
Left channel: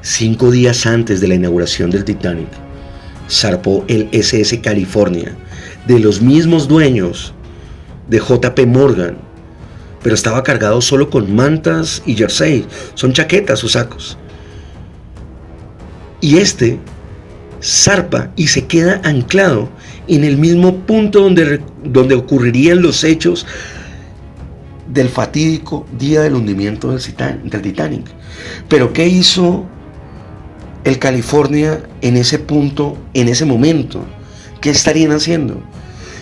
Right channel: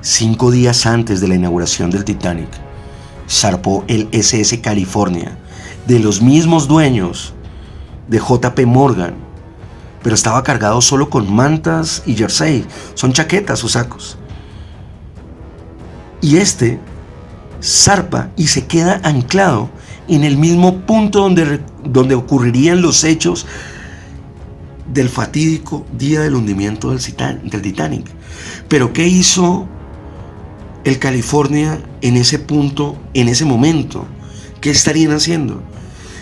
5 días antes de la inauguración del Titanic, zarpó el SS California, de los mismos dueños de JP Morgan, pero estaba cargado solo con mantas y jersey, son chaquetas o sacos. Y este zarpa y se queda anclado en el mismo punto donde ocurrirían los hechos del fatídico día del hundimiento del Titanic. Pero ¿qué hizo el California en ese punto, en ese momento? ¿Qué estarían haciendo?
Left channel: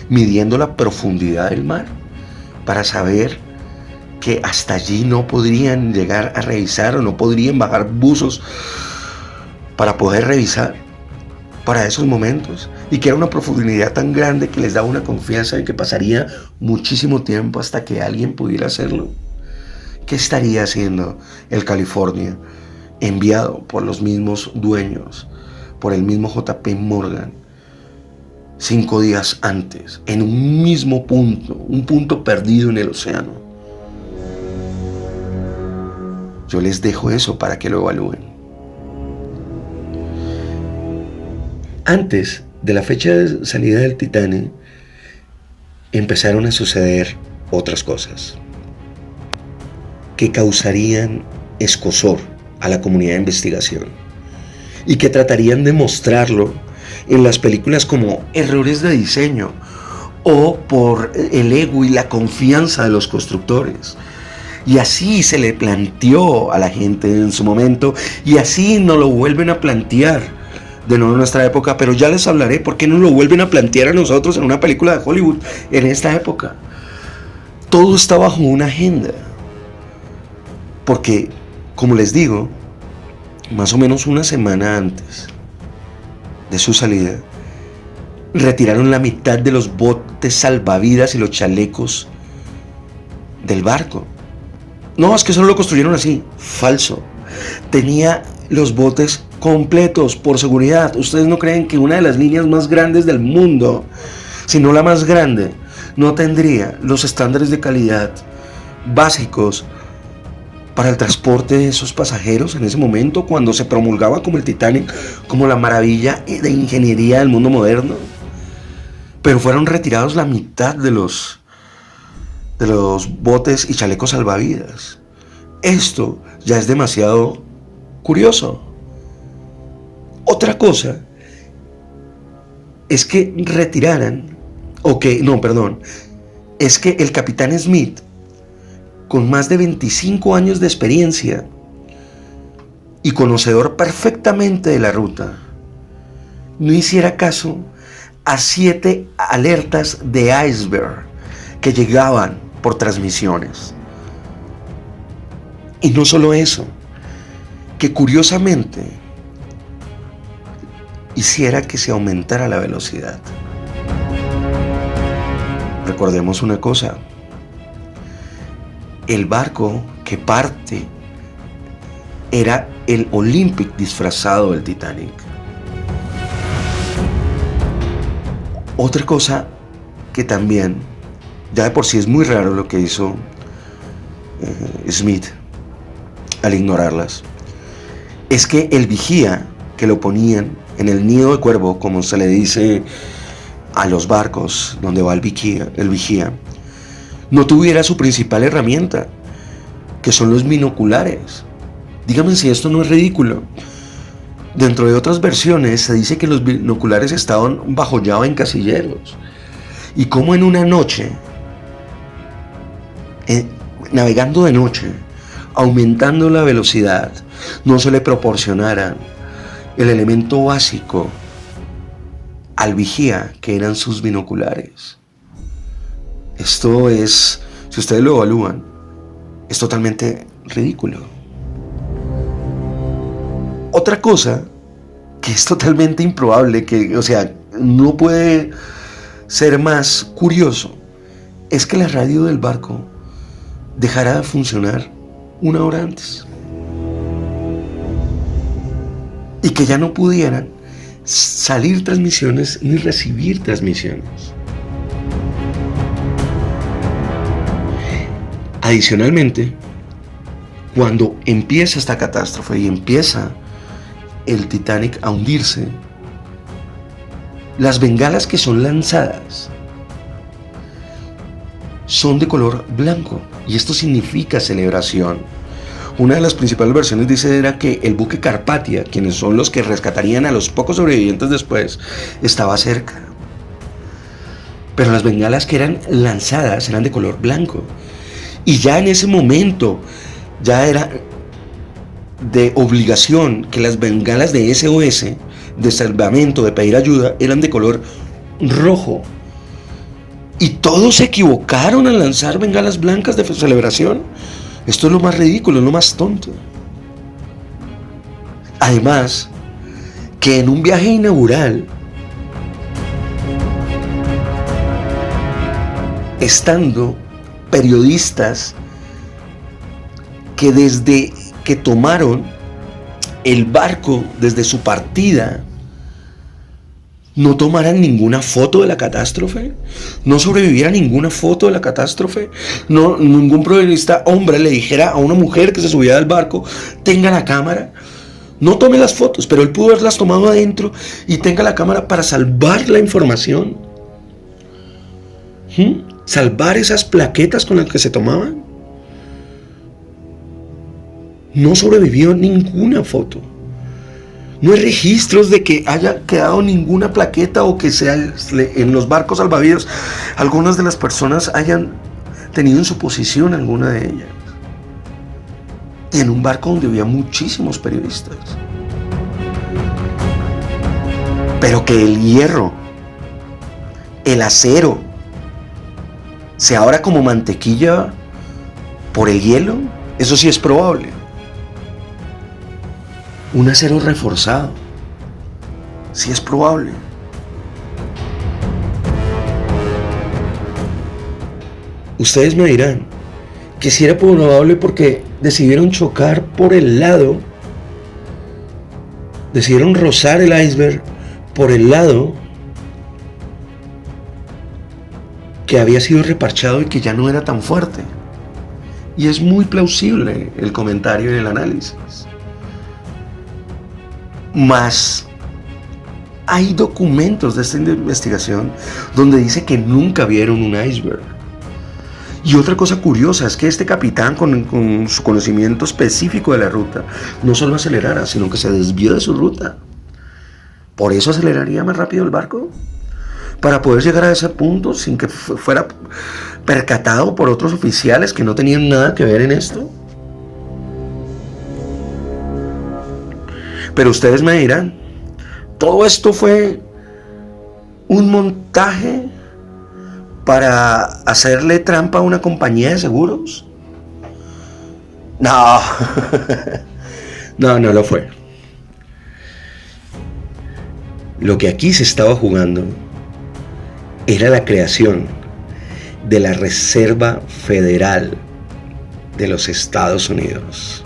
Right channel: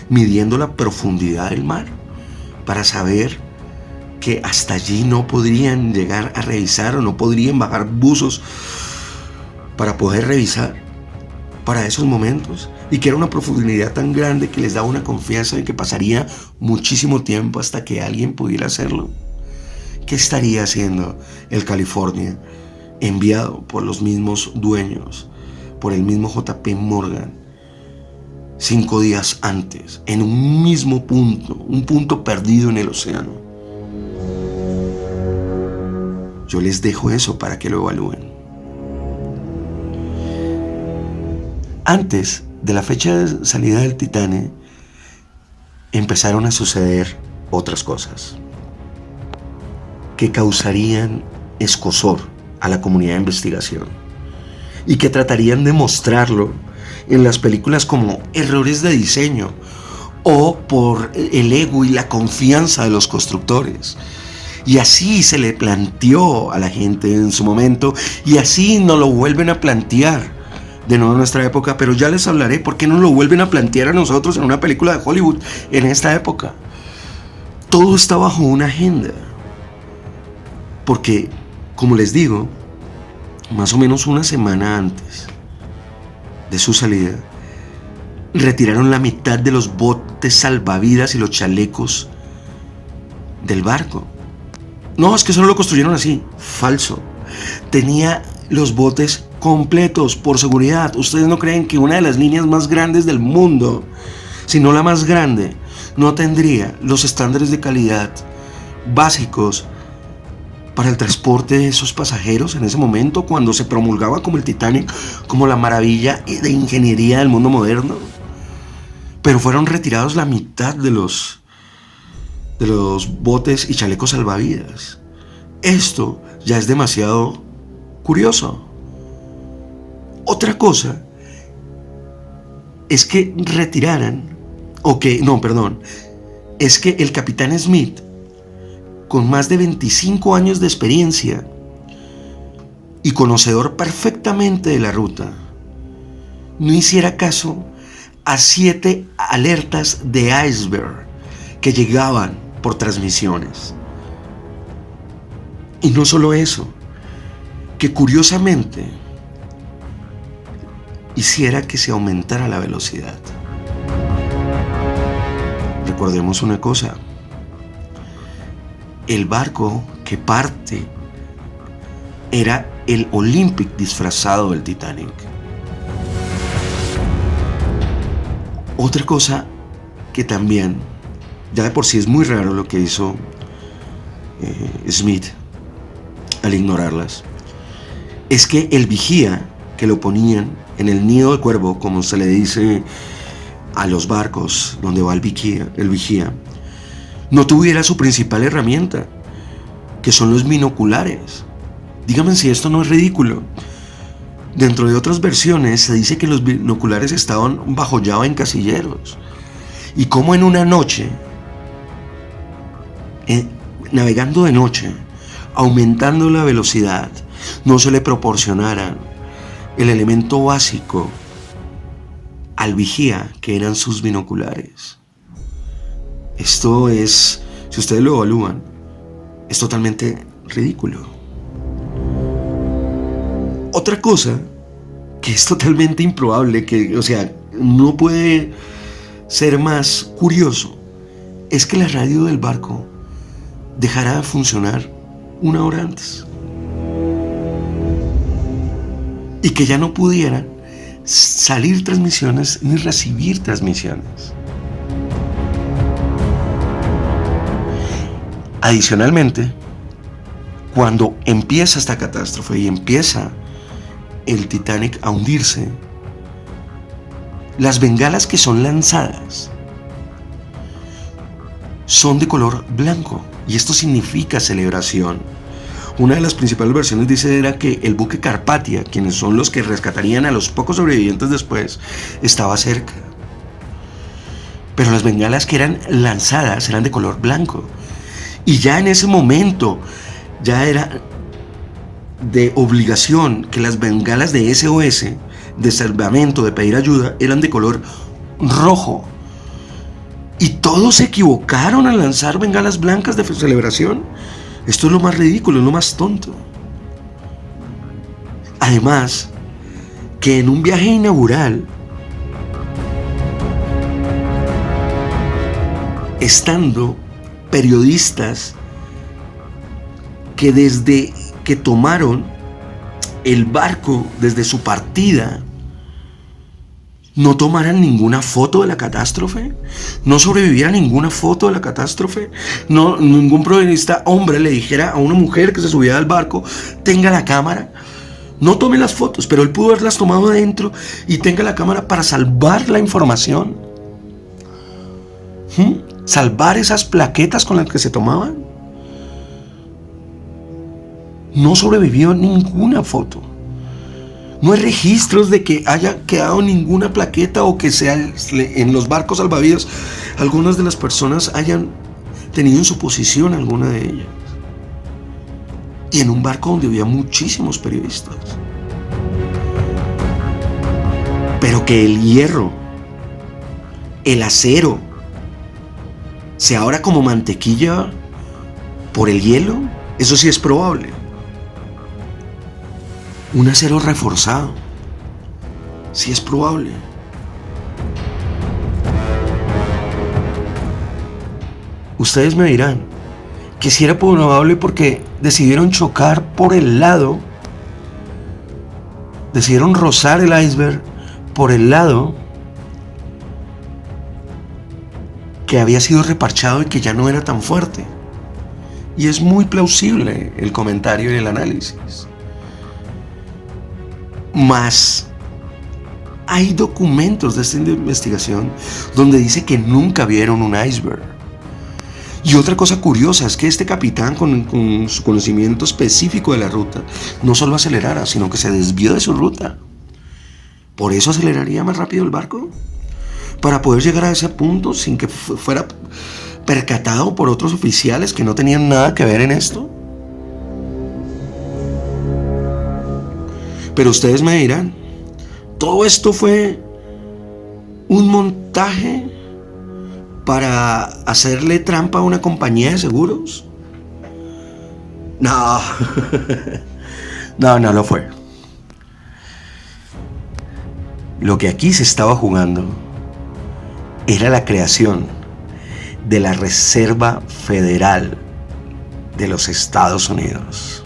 Midiendo la profundidad del mar para saber que hasta allí no podrían llegar a revisar o no podrían bajar buzos para poder revisar para esos momentos, y que era una profundidad tan grande que les daba una confianza de que pasaría muchísimo tiempo hasta que alguien pudiera hacerlo. ¿Qué estaría haciendo el California, enviado por los mismos dueños, por el mismo JP Morgan, 5 días antes, en un mismo punto, un punto perdido en el océano? Yo les dejo eso para que lo evalúen. Antes de la fecha de salida del Titanic, empezaron a suceder otras cosas que causarían escozor a la comunidad de investigación y que tratarían de mostrarlo en las películas como errores de diseño o por el ego y la confianza de los constructores. Y así se le planteó a la gente en su momento, y así nos lo vuelven a plantear de nuevo en nuestra época, pero ya les hablaré por qué nos lo vuelven a plantear a nosotros en una película de Hollywood en esta época. Todo está bajo una agenda, porque, como les digo, más o menos una semana antes de su salida, retiraron la mitad de los botes salvavidas y los chalecos del barco. No, es que solo lo construyeron así. Falso. Tenía los botes completos por seguridad. ¿Ustedes no creen que una de las líneas más grandes del mundo, si no la más grande, no tendría los estándares de calidad básicos para el transporte de esos pasajeros en ese momento, cuando se promulgaba como el Titanic, como la maravilla de ingeniería del mundo moderno? Pero fueron retirados la mitad de los botes y chalecos salvavidas. Esto ya es demasiado curioso. Otra cosa es que es que el capitán Smith, con más de 25 años de experiencia y conocedor perfectamente de la ruta, no hiciera caso a 7 alertas de iceberg que llegaban por transmisiones. Y no solo eso, que curiosamente hiciera que se aumentara la velocidad. Recordemos una cosa: el barco que parte era el Olympic disfrazado del Titanic. Otra cosa que también, ya de por sí es muy raro lo que hizo Smith al ignorarlas, es que el vigía que lo ponían en el nido de cuervo, como se le dice a los barcos donde va el vigía, no tuviera su principal herramienta, que son los binoculares. Díganme si esto no es ridículo. Dentro de otras versiones se dice que los binoculares estaban bajo llave en casilleros, y como en una noche, navegando de noche, aumentando la velocidad, no se le proporcionara el elemento básico al vigía, que eran sus binoculares. Esto es, si ustedes lo evalúan, es totalmente ridículo. Otra cosa que es totalmente improbable, no puede ser más curioso, es que la radio del barco dejara de funcionar 1 hora antes, y que ya no pudieran salir transmisiones ni recibir transmisiones. Adicionalmente, cuando empieza esta catástrofe y empieza el Titanic a hundirse, las bengalas que son lanzadas son de color blanco, y esto significa celebración. Una de las principales versiones dice era que el buque Carpathia, quienes son los que rescatarían a los pocos sobrevivientes después, estaba cerca. Pero las bengalas que eran lanzadas eran de color blanco. Y ya en ese momento, ya era de obligación que las bengalas de SOS, de salvamento, de pedir ayuda, eran de color rojo. Y todos se equivocaron al lanzar bengalas blancas de celebración. Esto es lo más ridículo, es lo más tonto. Además, que en un viaje inaugural, estando periodistas que desde que tomaron el barco desde su partida no tomaran ninguna foto de la catástrofe, no sobreviviera ninguna foto de la catástrofe, no, ningún periodista hombre le dijera a una mujer que se subía al barco, tenga la cámara, no tome las fotos, pero él pudo haberlas tomado adentro y tenga la cámara para salvar la información. Salvar esas plaquetas con las que se tomaban. No sobrevivió ninguna foto. No hay registros de que haya quedado ninguna plaqueta o que sea en los barcos salvavidas algunas de las personas hayan tenido en su posición alguna de ellas. Y en un barco donde había muchísimos periodistas. Pero que el hierro, el acero, sea ahora como mantequilla por el hielo, eso sí es probable. Un acero reforzado, sí es probable. Ustedes me dirán que si era probable porque decidieron chocar por el lado, decidieron rozar el iceberg por el lado que había sido reparchado y que ya no era tan fuerte. Y es muy plausible el comentario y el análisis. Más hay documentos de esta investigación donde dice que nunca vieron un iceberg. Y otra cosa curiosa es que este capitán, con su conocimiento específico de la ruta, no solo acelerara, sino que se desvió de su ruta. ¿Por eso aceleraría más rápido el barco? Para poder llegar a ese punto sin que fuera percatado por otros oficiales que no tenían nada que ver en esto. Pero ustedes me dirán, ¿todo esto fue un montaje para hacerle trampa a una compañía de seguros? No, no lo fue. Lo que aquí se estaba jugando era la creación de la Reserva Federal de los Estados Unidos.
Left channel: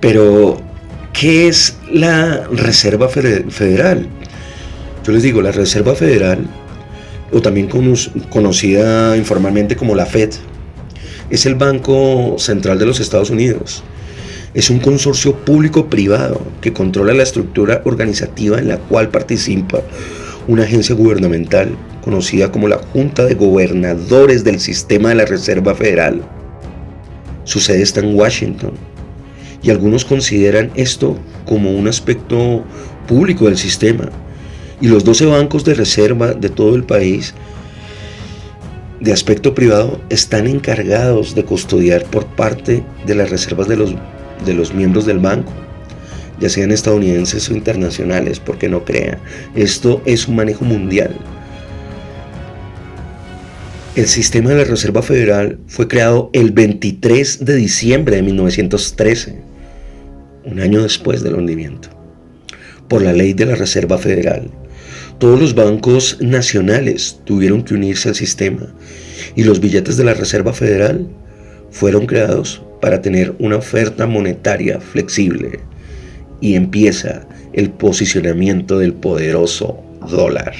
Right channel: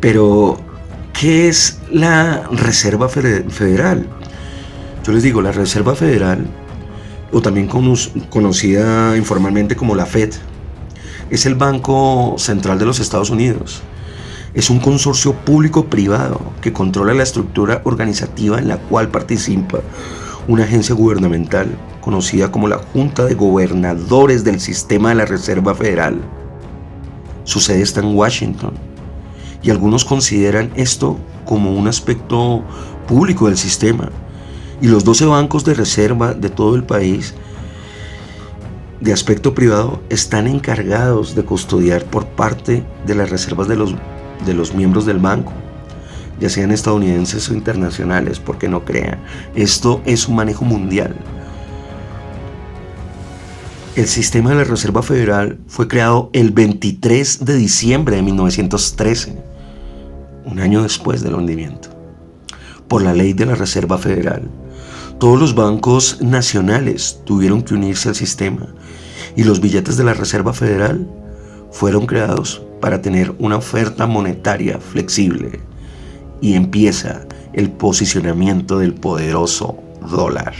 Pero, ¿qué es la Reserva Federal? Yo les digo, la Reserva Federal, o también conocida informalmente como la Fed, es el Banco Central de los Estados Unidos. Es un consorcio público-privado que controla la estructura organizativa en la cual participa una agencia gubernamental conocida como la Junta de Gobernadores del Sistema de la Reserva Federal. Su sede está en Washington. Y algunos consideran esto como un aspecto público del sistema. Y los 12 bancos de reserva de todo el país, de aspecto privado, están encargados de custodiar por parte de las reservas de los miembros del banco, ya sean estadounidenses o internacionales, porque no crean, esto es un manejo mundial. El sistema de la Reserva Federal fue creado el 23 de diciembre de 1913. Un año después del hundimiento, por la ley de la Reserva Federal. Todos los bancos nacionales tuvieron que unirse al sistema y los billetes de la Reserva Federal fueron creados para tener una oferta monetaria flexible y empieza el posicionamiento del poderoso dólar.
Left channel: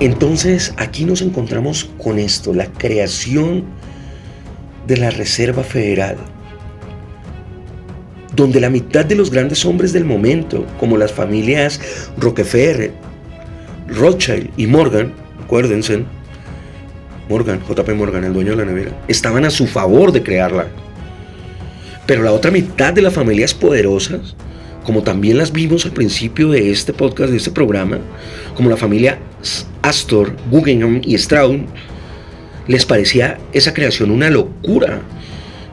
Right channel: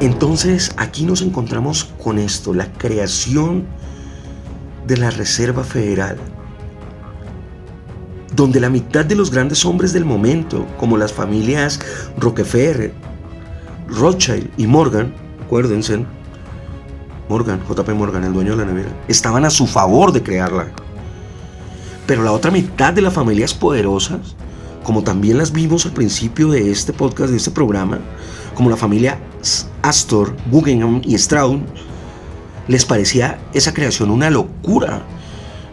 Entonces aquí nos encontramos con esto, la creación de la Reserva Federal, donde la mitad de los grandes hombres del momento, como las familias Rockefeller, Rothschild y Morgan, acuérdense, Morgan, JP Morgan, el dueño de la nevera, estaban a su favor de crearla. Pero la otra mitad de las familias poderosas, como también las vimos al principio de este podcast, de este programa, como la familia Astor, Guggenheim y Strauss, les parecía esa creación una locura,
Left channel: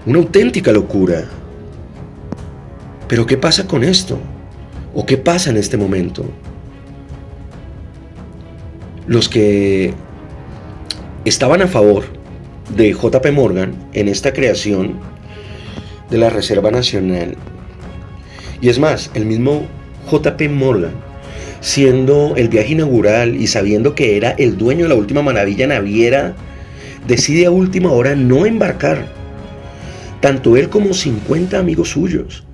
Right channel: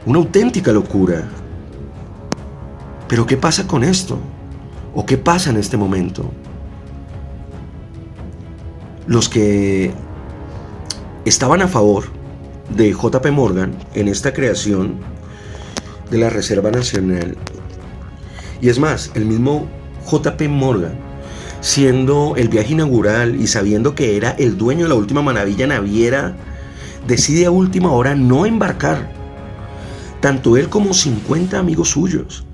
una auténtica locura. Pero ¿qué pasa con esto? ¿O qué pasa en este momento? Los que estaban a favor de JP Morgan en esta creación de la Reserva Nacional, y es más, el mismo JP Morgan, siendo el viaje inaugural y sabiendo que era el dueño de la última maravilla naviera, decide a última hora no embarcar. Tanto él como 50 amigos suyos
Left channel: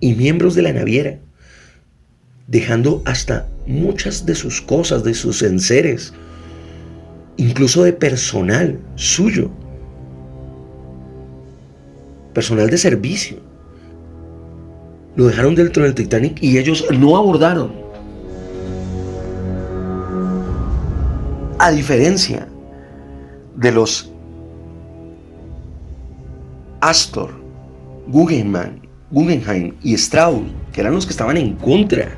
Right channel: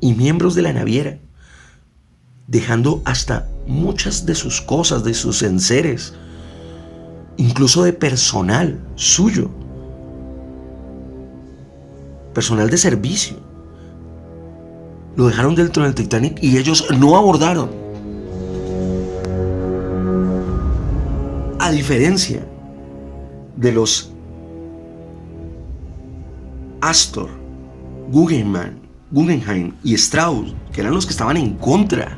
y miembros de la naviera, dejando hasta muchas de sus cosas, de sus enseres, incluso de personal suyo, personal de servicio. Lo dejaron dentro del Titanic y ellos no abordaron. A diferencia de los Astor, Guggenheim y Strauss, que eran los que estaban en contra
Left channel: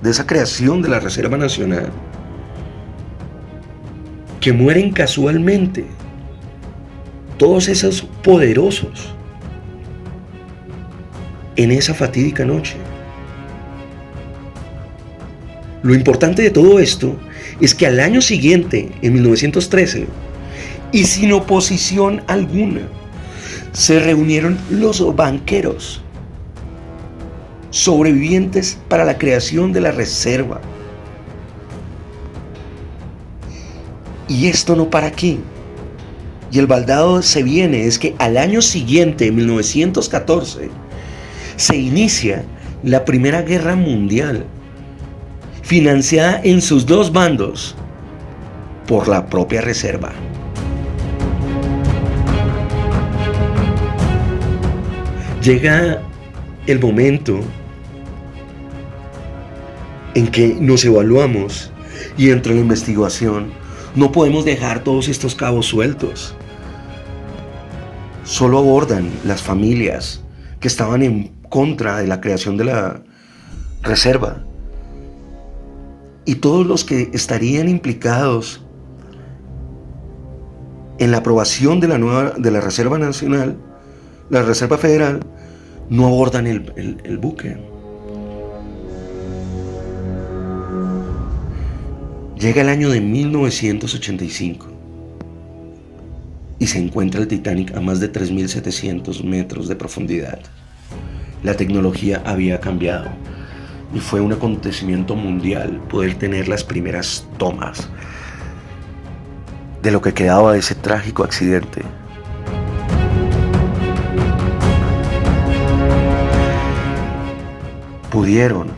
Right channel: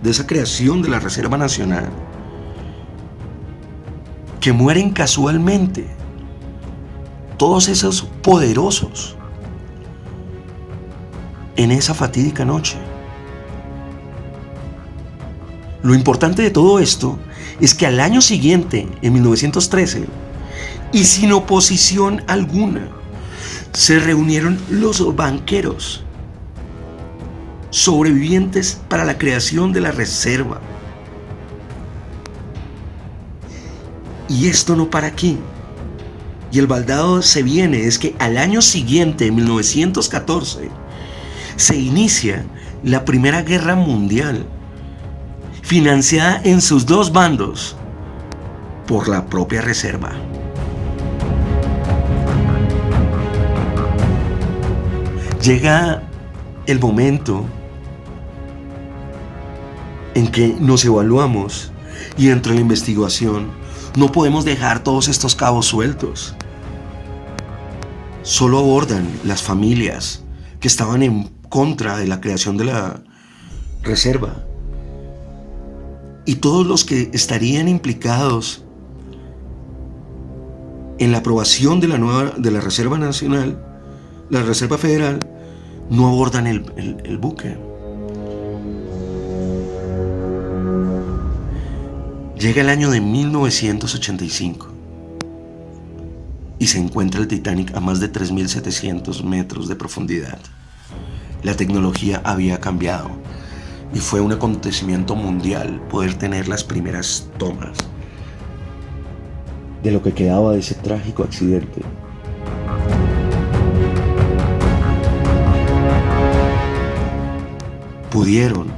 de esa creación de la Reserva Nacional, que mueren casualmente todos esos poderosos en esa fatídica noche. Lo importante de todo esto es que al año siguiente, en 1913, y sin oposición alguna, se reunieron los banqueros sobrevivientes para la creación de la reserva. Y esto no para aquí. Y el baldado se viene, es que al año siguiente, en 1914, se inicia la Primera Guerra Mundial, financiada en sus dos bandos por la propia reserva. Llega el momento en que nos evaluamos y dentro de la investigación no podemos dejar todos estos cabos sueltos. Solo abordan las familias que estaban en contra de la creación de la reserva y todos los que estarían implicados en la aprobación de la Reserva Nacional, la Reserva Federal, no abordan el buque. Llega el año de 1985 y se encuentra el Titanic a más de 3.700 metros de profundidad. La tecnología había cambiado y fue un acontecimiento mundial poder tener las primeras tomas de lo que quedaba de ese trágico accidente. Pudieron,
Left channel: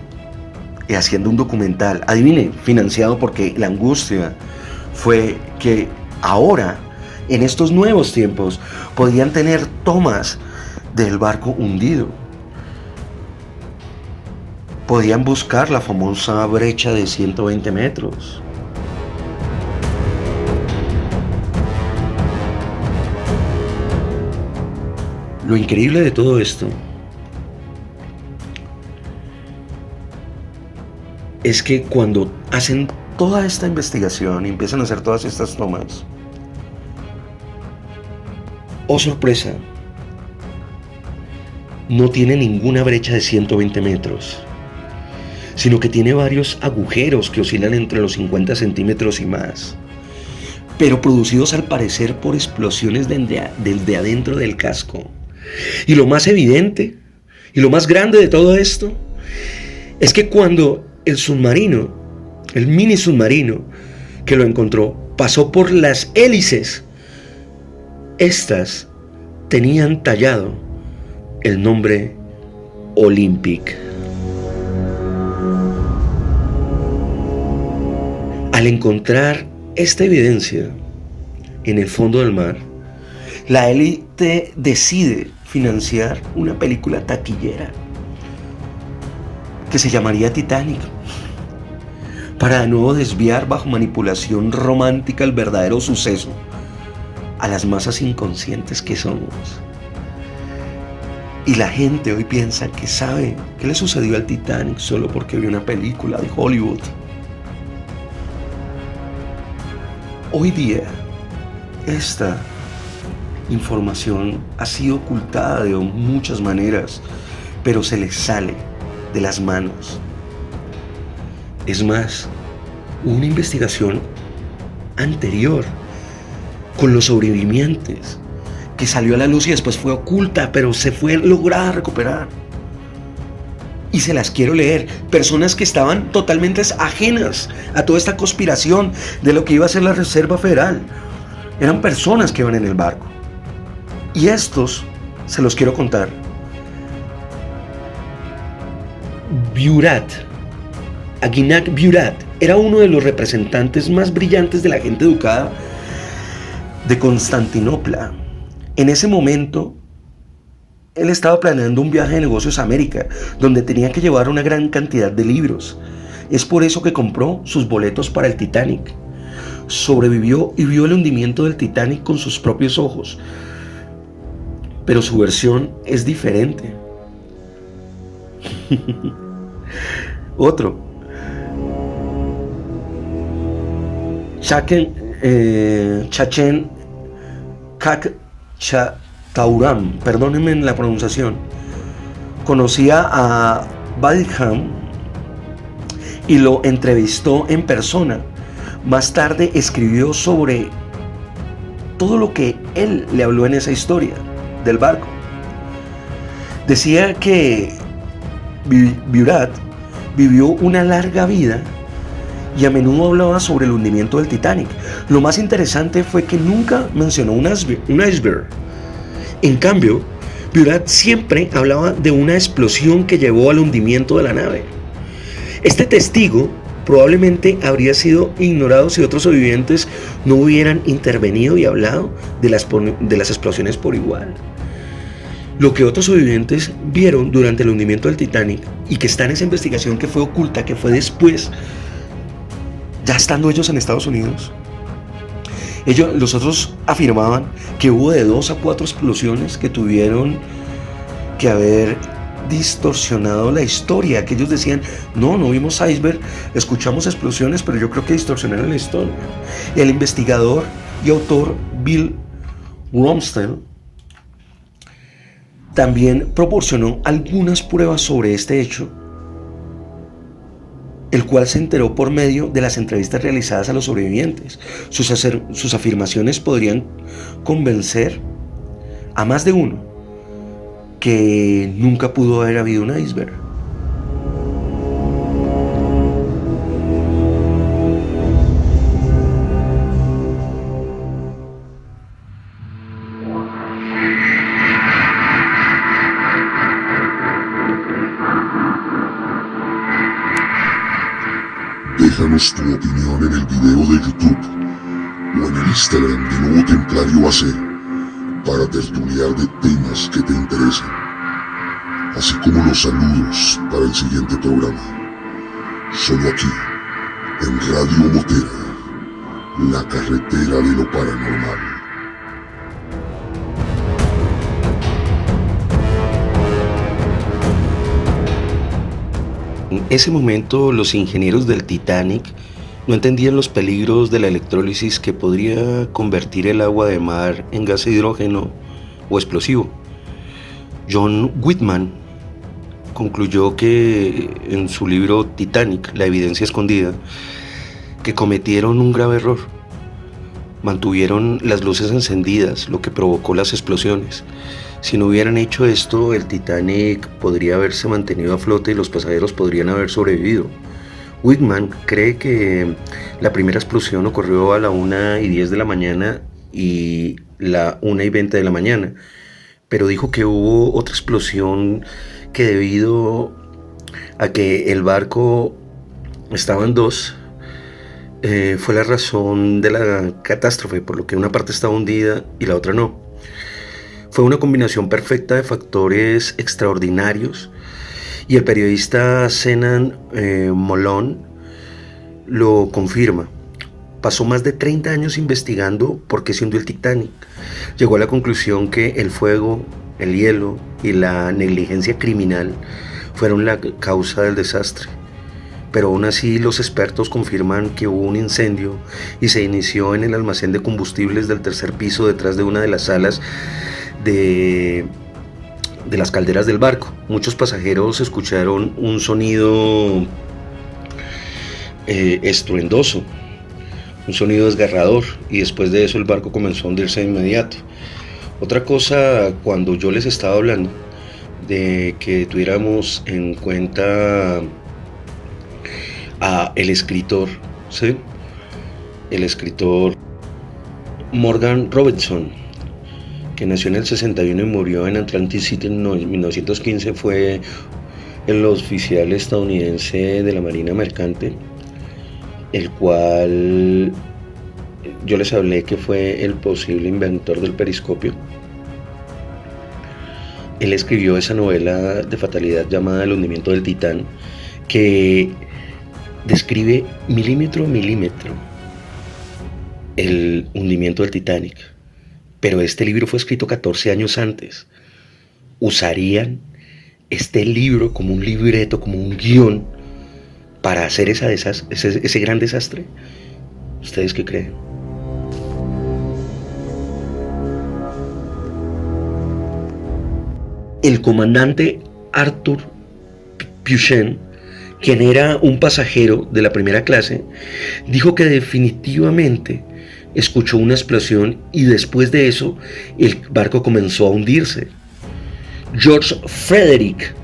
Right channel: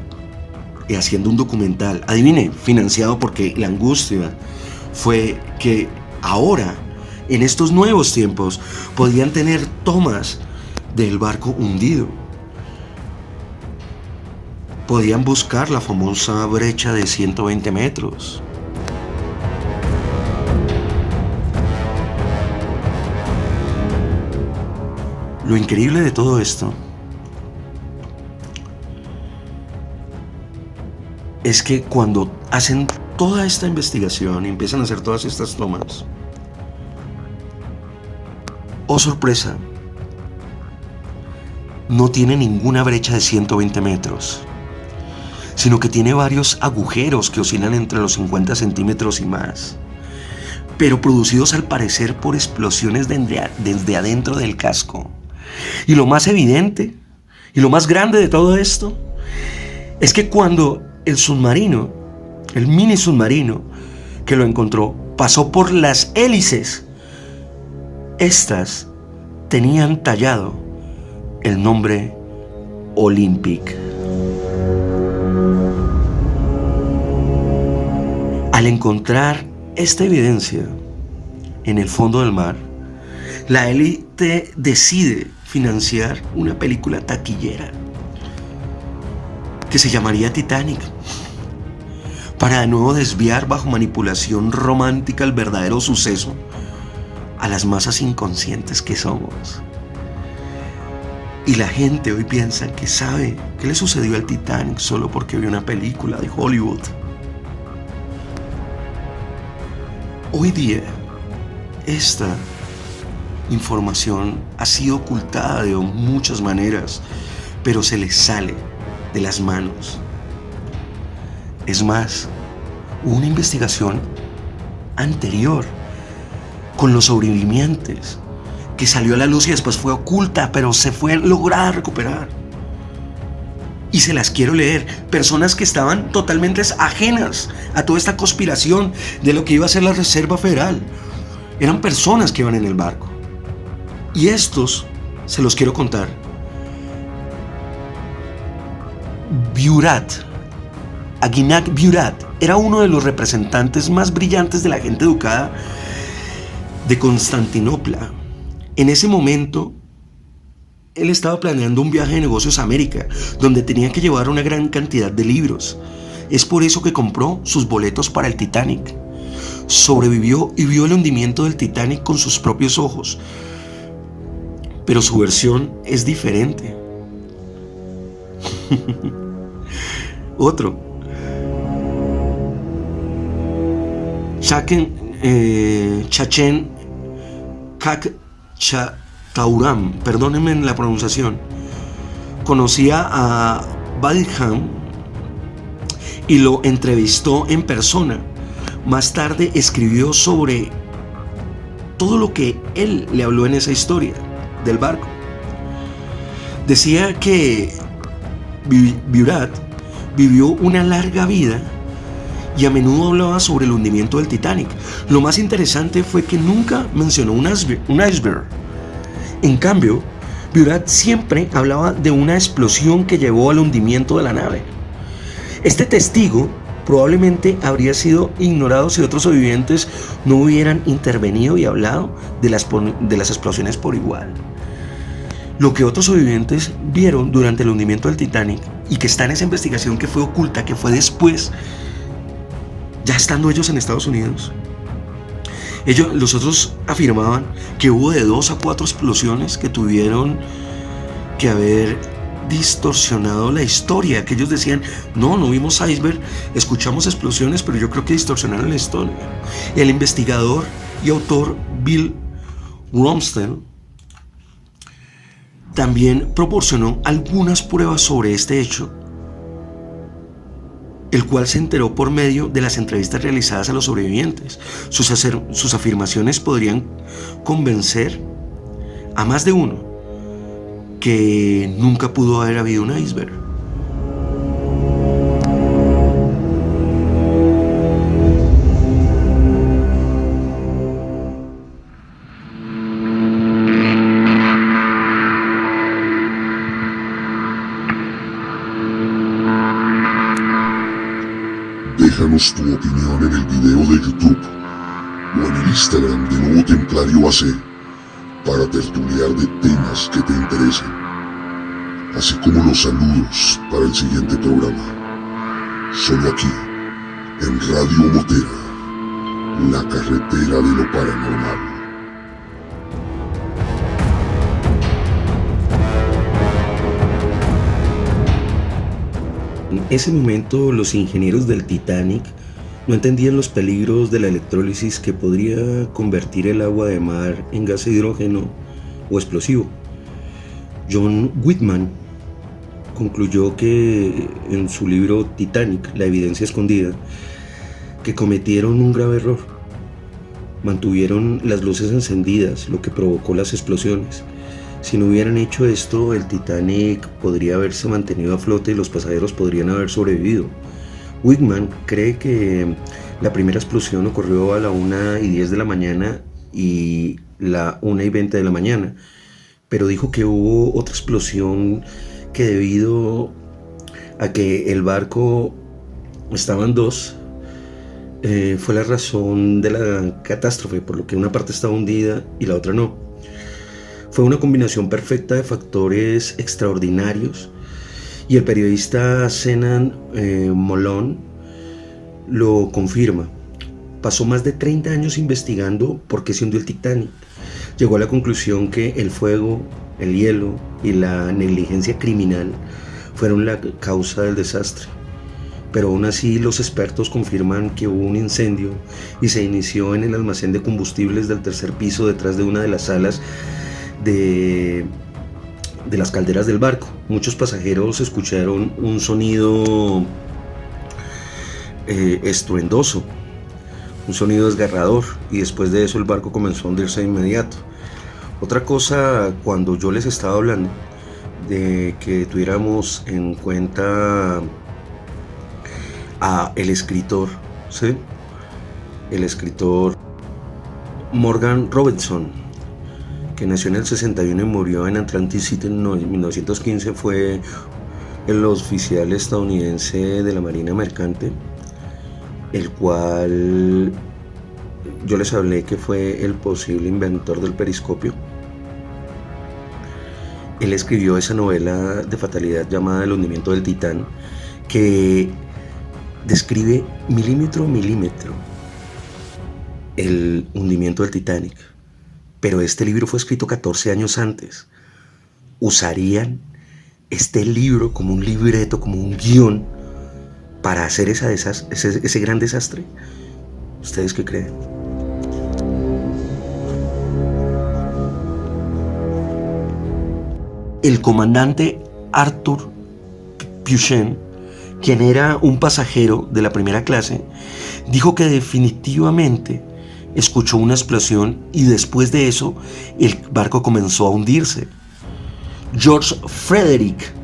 y haciendo un documental, adivine, financiado porque la angustia fue que ahora, en estos nuevos tiempos, podían tener tomas del barco hundido. Podían buscar la famosa brecha de 120 metros. Lo increíble de todo esto es que cuando hacen toda esta investigación y empiezan a hacer todas estas tomas, oh sorpresa, no tiene ninguna brecha de 120 metros, sino que tiene varios agujeros que oscilan entre los 50 centímetros y más, pero producidos al parecer por explosiones desde adentro del casco. Y lo más evidente y lo más grande de todo esto es que cuando el submarino, el mini submarino que lo encontró, pasó por las hélices, estas tenían tallado el nombre Olympic. Al encontrar esta evidencia en el fondo del mar, La élite decide financiar una película taquillera que se llamaría Titanic, para de nuevo desviar bajo manipulación romántica el verdadero suceso a las masas inconscientes que somos. Y la gente hoy piensa que sabe qué le sucedió al Titanic solo porque vio una película de Hollywood. Hoy día, esta información ha sido ocultada de muchas maneras, pero se les sale de las manos. Es más, hubo una investigación anterior con los sobrevivientes que salió a la luz y después fue oculta, pero se fue lograda recuperar. Y se las quiero leer. Personas que estaban totalmente ajenas a toda esta conspiración de lo que iba a ser la Reserva Federal. Eran personas que iban en el barco. Y estos se los quiero contar. Aguinaldo Burat era uno de los representantes más brillantes de la gente educada de Constantinopla. En ese momento, él estaba planeando un viaje de negocios a América, donde tenía que llevar una gran cantidad de libros. Es por eso que compró sus boletos para el Titanic. Sobrevivió y vio el hundimiento del Titanic con sus propios ojos. Pero su versión es diferente. Otro. Chachen Kakchatauram, perdónenme la pronunciación, conocía a Badham y lo entrevistó en persona. Más tarde escribió sobre todo lo que él le habló en esa historia del barco. Decía que Burat vivió una larga vida y a menudo hablaba sobre el hundimiento del Titanic. Lo más interesante fue que nunca mencionó un iceberg. En cambio, Burat siempre hablaba de una explosión que llevó al hundimiento de la nave. Este testigo probablemente habría sido ignorado si otros sobrevivientes no hubieran intervenido y hablado de las explosiones por igual. Lo que otros sobrevivientes vieron durante el hundimiento del Titanic y que está en esa investigación que fue oculta, que fue después, ya estando ellos en Estados Unidos, los otros afirmaban que hubo de 2 a 4 explosiones que tuvieron que haber distorsionado la historia, que ellos decían, no vimos iceberg, escuchamos explosiones, pero yo creo que distorsionaron la historia. Y el investigador y autor Bill Rumsfeld también proporcionó algunas pruebas sobre este hecho, el cual se enteró por medio de las entrevistas realizadas a los sobrevivientes. Sus afirmaciones podrían convencer a más de uno que nunca pudo haber habido un iceberg. Déjanos tu opinión en el video de YouTube o en el Instagram de Nuevo Templario AC para tertuliar de temas que te interesen, así como los saludos para el siguiente programa. Solo aquí, en Radio Motera, la carretera de lo paranormal. En ese momento, los ingenieros del Titanic no entendían los peligros de la electrólisis que podría convertir el agua de mar en gas de hidrógeno o explosivo. John Whitman concluyó que en su libro Titanic, la evidencia escondida, que cometieron un grave error. Mantuvieron las luces encendidas, lo que provocó las explosiones. Si no hubieran hecho esto, el Titanic podría haberse mantenido a flote y los pasajeros podrían haber sobrevivido. Whitman cree que la primera explosión ocurrió a la 1:10 de la mañana y la 1:20 de la mañana, pero dijo que hubo otra explosión que, debido a que el barco estaba en dos, fue la razón de la catástrofe, por lo que una parte estaba hundida y la otra no. Fue una combinación perfecta de factores extraordinarios y el periodista Zenan Molon lo confirma. Pasó más de 30 años investigando por qué se hundió el Titanic. Llegó a la conclusión que el fuego, el hielo y la negligencia criminal fueron la causa del desastre. Pero aún así los expertos confirman que hubo un incendio y se inició en el almacén de combustibles del tercer piso detrás de una de las salas de las calderas del barco. Muchos pasajeros escucharon un sonido estruendoso, un sonido desgarrador, y después de eso el barco comenzó a hundirse de inmediato. Otra cosa, cuando yo les estaba hablando de que tuviéramos en cuenta a el escritor, ¿sí? El escritor Morgan Robertson, que nació en el 61 y murió en Atlantic City en 1915, fue el oficial estadounidense de la Marina Mercante, el cual yo les hablé que fue el posible inventor del periscopio. Él escribió esa novela de fatalidad llamada El hundimiento del Titán, que describe milímetro a milímetro el hundimiento del Titanic. Pero este libro fue escrito 14 años antes. ¿Usarían este libro como un libreto, como un guión, para hacer ese gran desastre? ¿Ustedes qué creen? El comandante Arthur Puchen, quien era un pasajero de la primera clase, dijo que definitivamente escuchó una explosión y después de eso el barco comenzó a hundirse. George Frederick,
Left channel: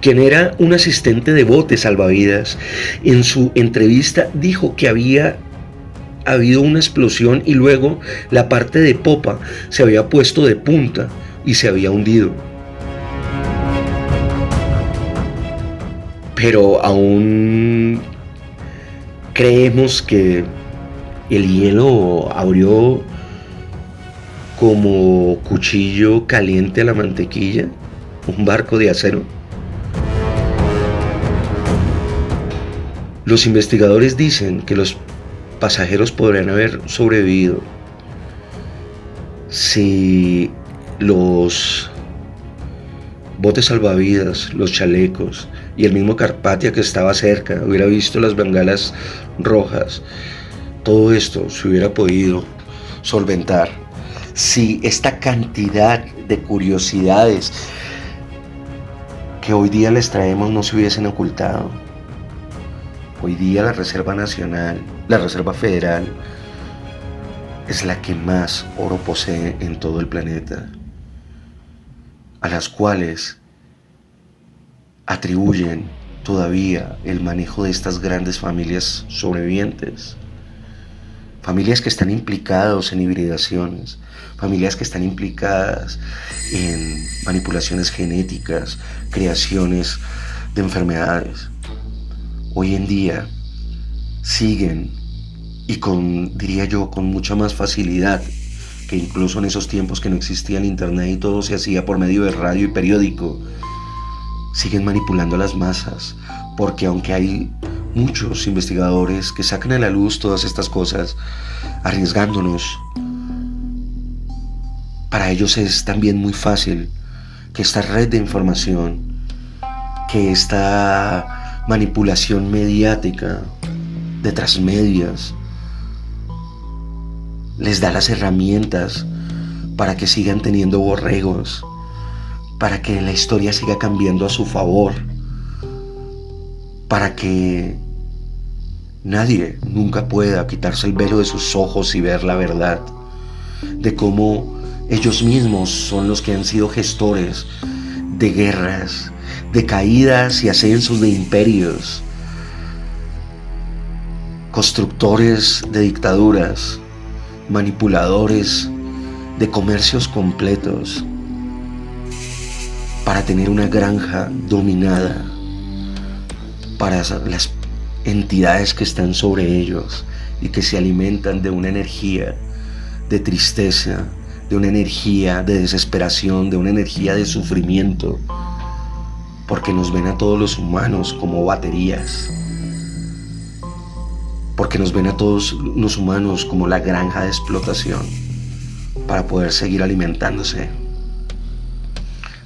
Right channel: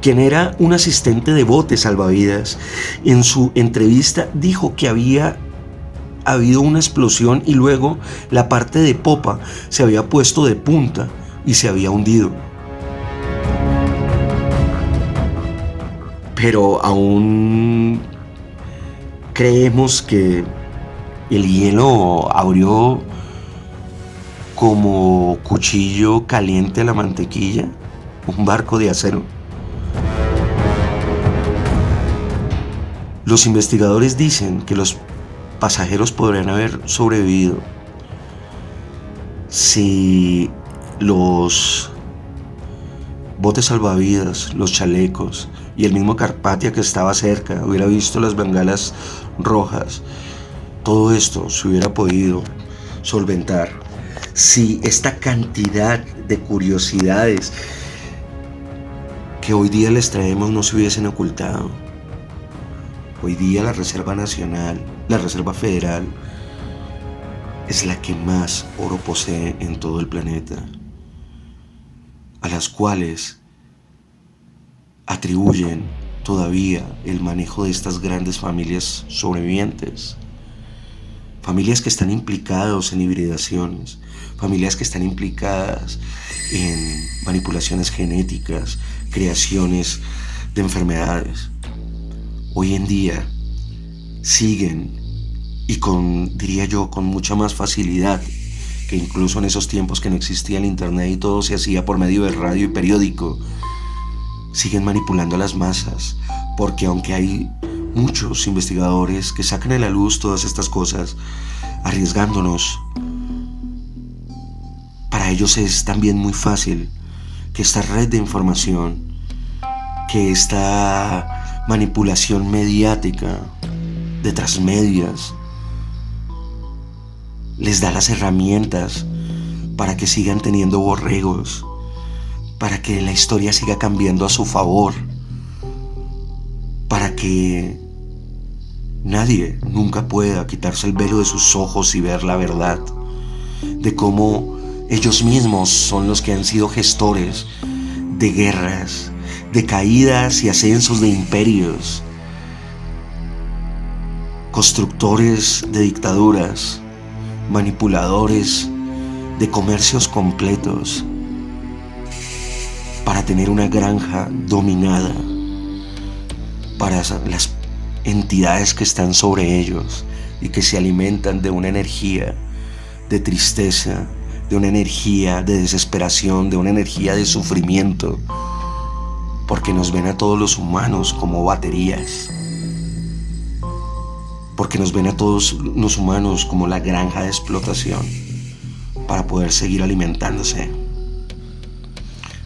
quien era un asistente de bote salvavidas, en su entrevista dijo que había habido una explosión y luego la parte de popa se había puesto de punta y se había hundido. Pero aún creemos que el hielo abrió como cuchillo caliente a la mantequilla un barco de acero. Los investigadores dicen que los pasajeros podrían haber sobrevivido si los botes salvavidas, los chalecos y el mismo Carpathia que estaba cerca hubiera visto las bengalas rojas. Todo esto se hubiera podido solventar si esta cantidad de curiosidades que hoy día les traemos no se hubiesen ocultado. Hoy día la Reserva Nacional, la Reserva Federal, es la que más oro posee en todo el planeta, a las cuales atribuyen todavía el manejo de estas grandes familias sobrevivientes. Familias que están implicadas en hibridaciones, familias que están implicadas en manipulaciones genéticas, creaciones de enfermedades. Hoy en día siguen, y diría yo, con mucha más facilidad que incluso en esos tiempos que no existía el internet y todo se hacía por medio de radio y periódico, siguen manipulando a las masas, porque aunque hay muchos investigadores que sacan a la luz todas estas cosas, arriesgándonos, para ellos es también muy fácil que esta red de información, que esta manipulación mediática de transmedias, les da las herramientas para que sigan teniendo borregos, para que la historia siga cambiando a su favor, para que nadie nunca pueda quitarse el velo de sus ojos y ver la verdad de cómo ellos mismos son los que han sido gestores de guerras, de caídas y ascensos de imperios, constructores de dictaduras, manipuladores de comercios completos, para tener una granja dominada para las entidades que están sobre ellos y que se alimentan de una energía de tristeza, de una energía de desesperación, de una energía de sufrimiento, porque nos ven a todos los humanos como baterías, porque nos ven a todos los humanos como la granja de explotación para poder seguir alimentándose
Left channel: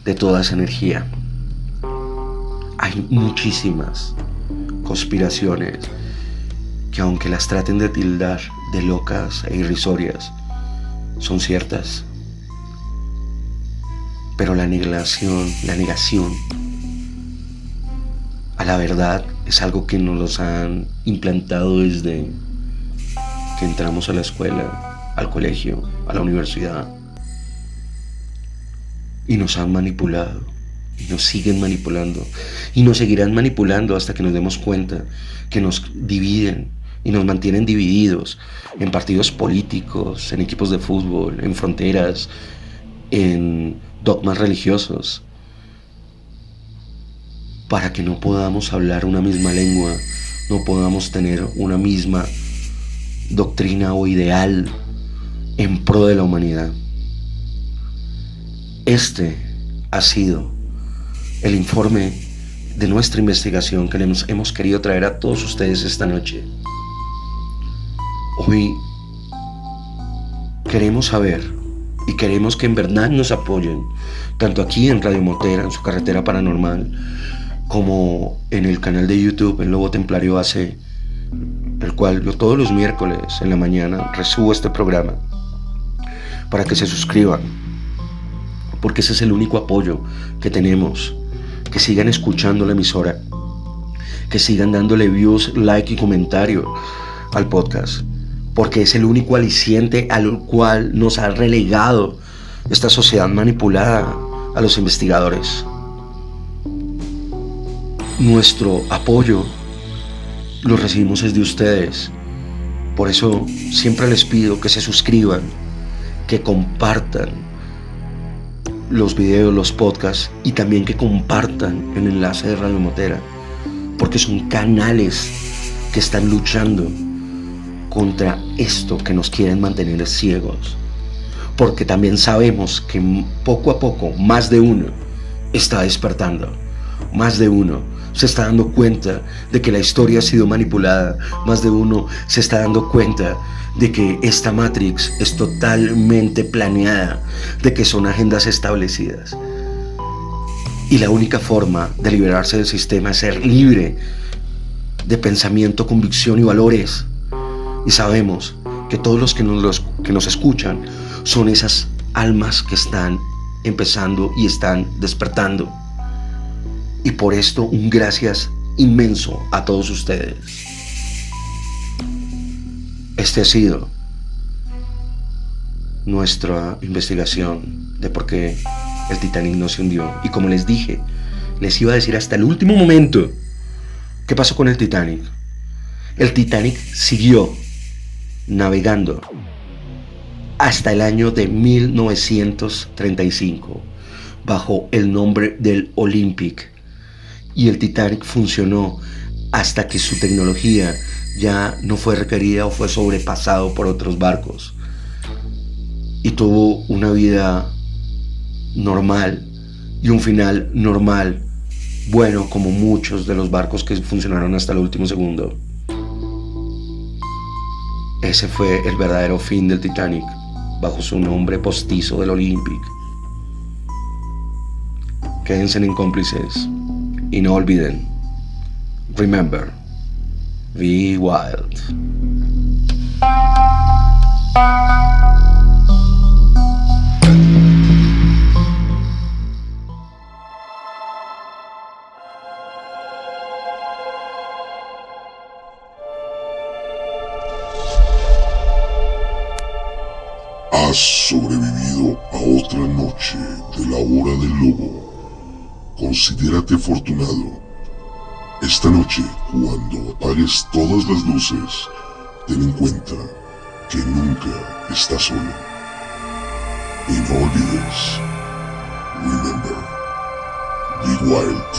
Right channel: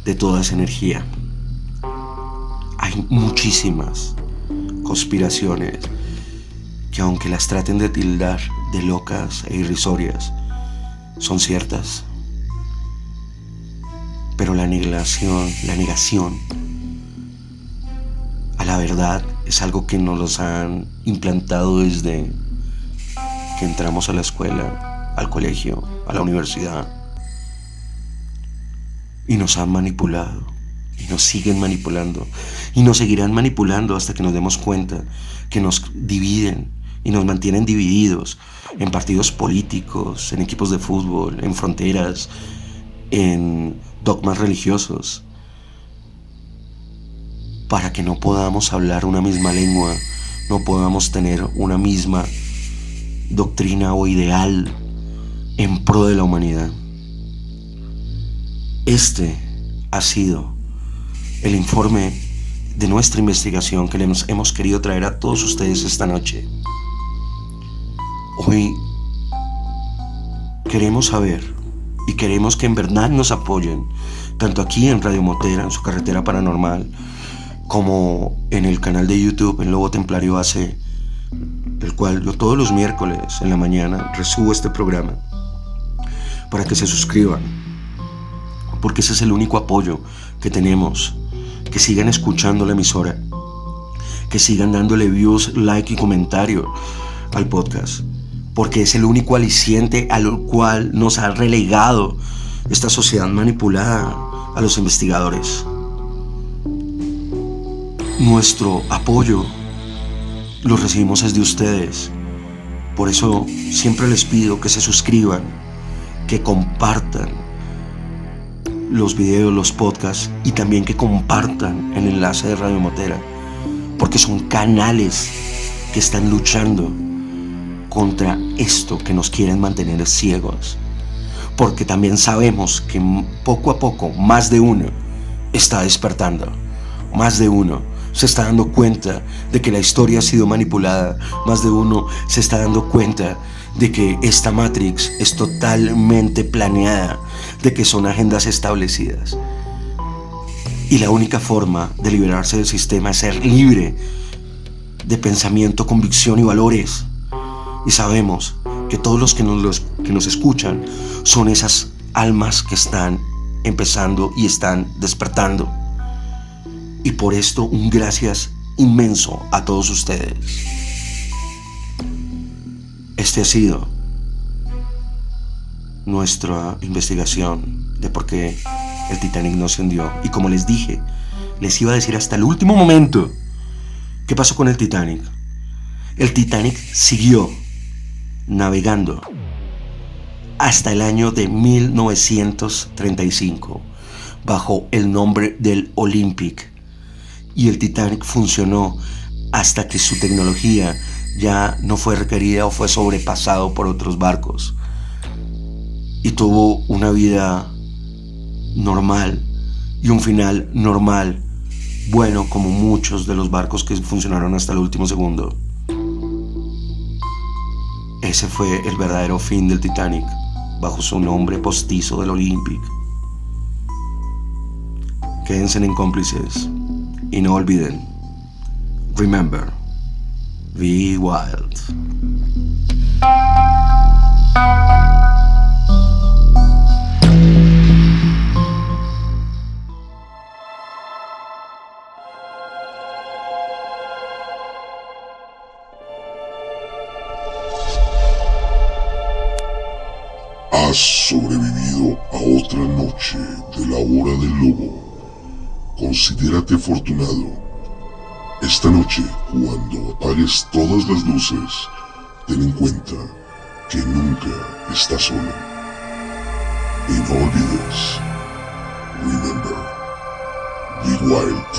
de toda esa energía. Hay muchísimas conspiraciones que, aunque las traten de tildar de locas e irrisorias, son ciertas. Pero la negación a la verdad es algo que nos los han implantado desde que entramos a la escuela, al colegio, a la universidad. Y nos han manipulado, y nos siguen manipulando, y nos seguirán manipulando hasta que nos demos cuenta que nos dividen y nos mantienen divididos en partidos políticos, en equipos de fútbol, en fronteras, en dogmas religiosos, para que no podamos hablar una misma lengua, no podamos tener una misma doctrina o ideal en pro de la humanidad. Este ha sido el informe de nuestra investigación que les hemos querido traer a todos ustedes esta noche. Hoy queremos saber y queremos que en verdad nos apoyen, tanto aquí en Radio Motera, en su carretera paranormal, como en el canal de YouTube, El Lobo Templario AC, el cual yo todos los miércoles en la mañana resubo este programa, para que se suscriban, porque ese es el único apoyo que tenemos. Que sigan escuchando la emisora, que sigan dándole views, like y comentario al podcast, porque es el único aliciente al cual nos ha relegado esta sociedad manipulada a los investigadores. Nuestro apoyo lo recibimos desde ustedes. Por eso siempre les pido que se suscriban, que compartan los videos, los podcasts, y también que compartan el enlace de Radio Motera, porque son canales que están luchando contra esto que nos quieren mantener ciegos, porque también sabemos que poco a poco más de uno está despertando, más de uno se está dando cuenta de que la historia ha sido manipulada, más de uno se está dando cuenta de que esta Matrix es totalmente planeada, de que son agendas establecidas. Y la única forma de liberarse del sistema es ser libre de pensamiento, convicción y valores. Y sabemos que todos los que nos escuchan son esas almas que están empezando y están despertando. Y por esto un gracias inmenso a todos ustedes. Este ha sido nuestra investigación de por qué el Titanic no se hundió. Y como les dije, les iba a decir hasta el último momento qué pasó con el Titanic. El Titanic siguió navegando hasta el año de 1935 bajo el nombre del Olympic. Y el Titanic funcionó hasta que su tecnología ya no fue requerida o fue sobrepasado por otros barcos, y tuvo una vida normal y un final normal, bueno, como muchos de los barcos que funcionaron hasta el último segundo. Ese fue el verdadero fin del Titanic, bajo su nombre postizo del Olympic. Quédense en cómplices y no olviden, remember, be wild. Has sobrevivido a otra noche de la hora del lobo. Considérate afortunado. Esta noche, cuando apagues todas las luces, ten en cuenta que nunca estás solo. Y no olvides, remember, be wild.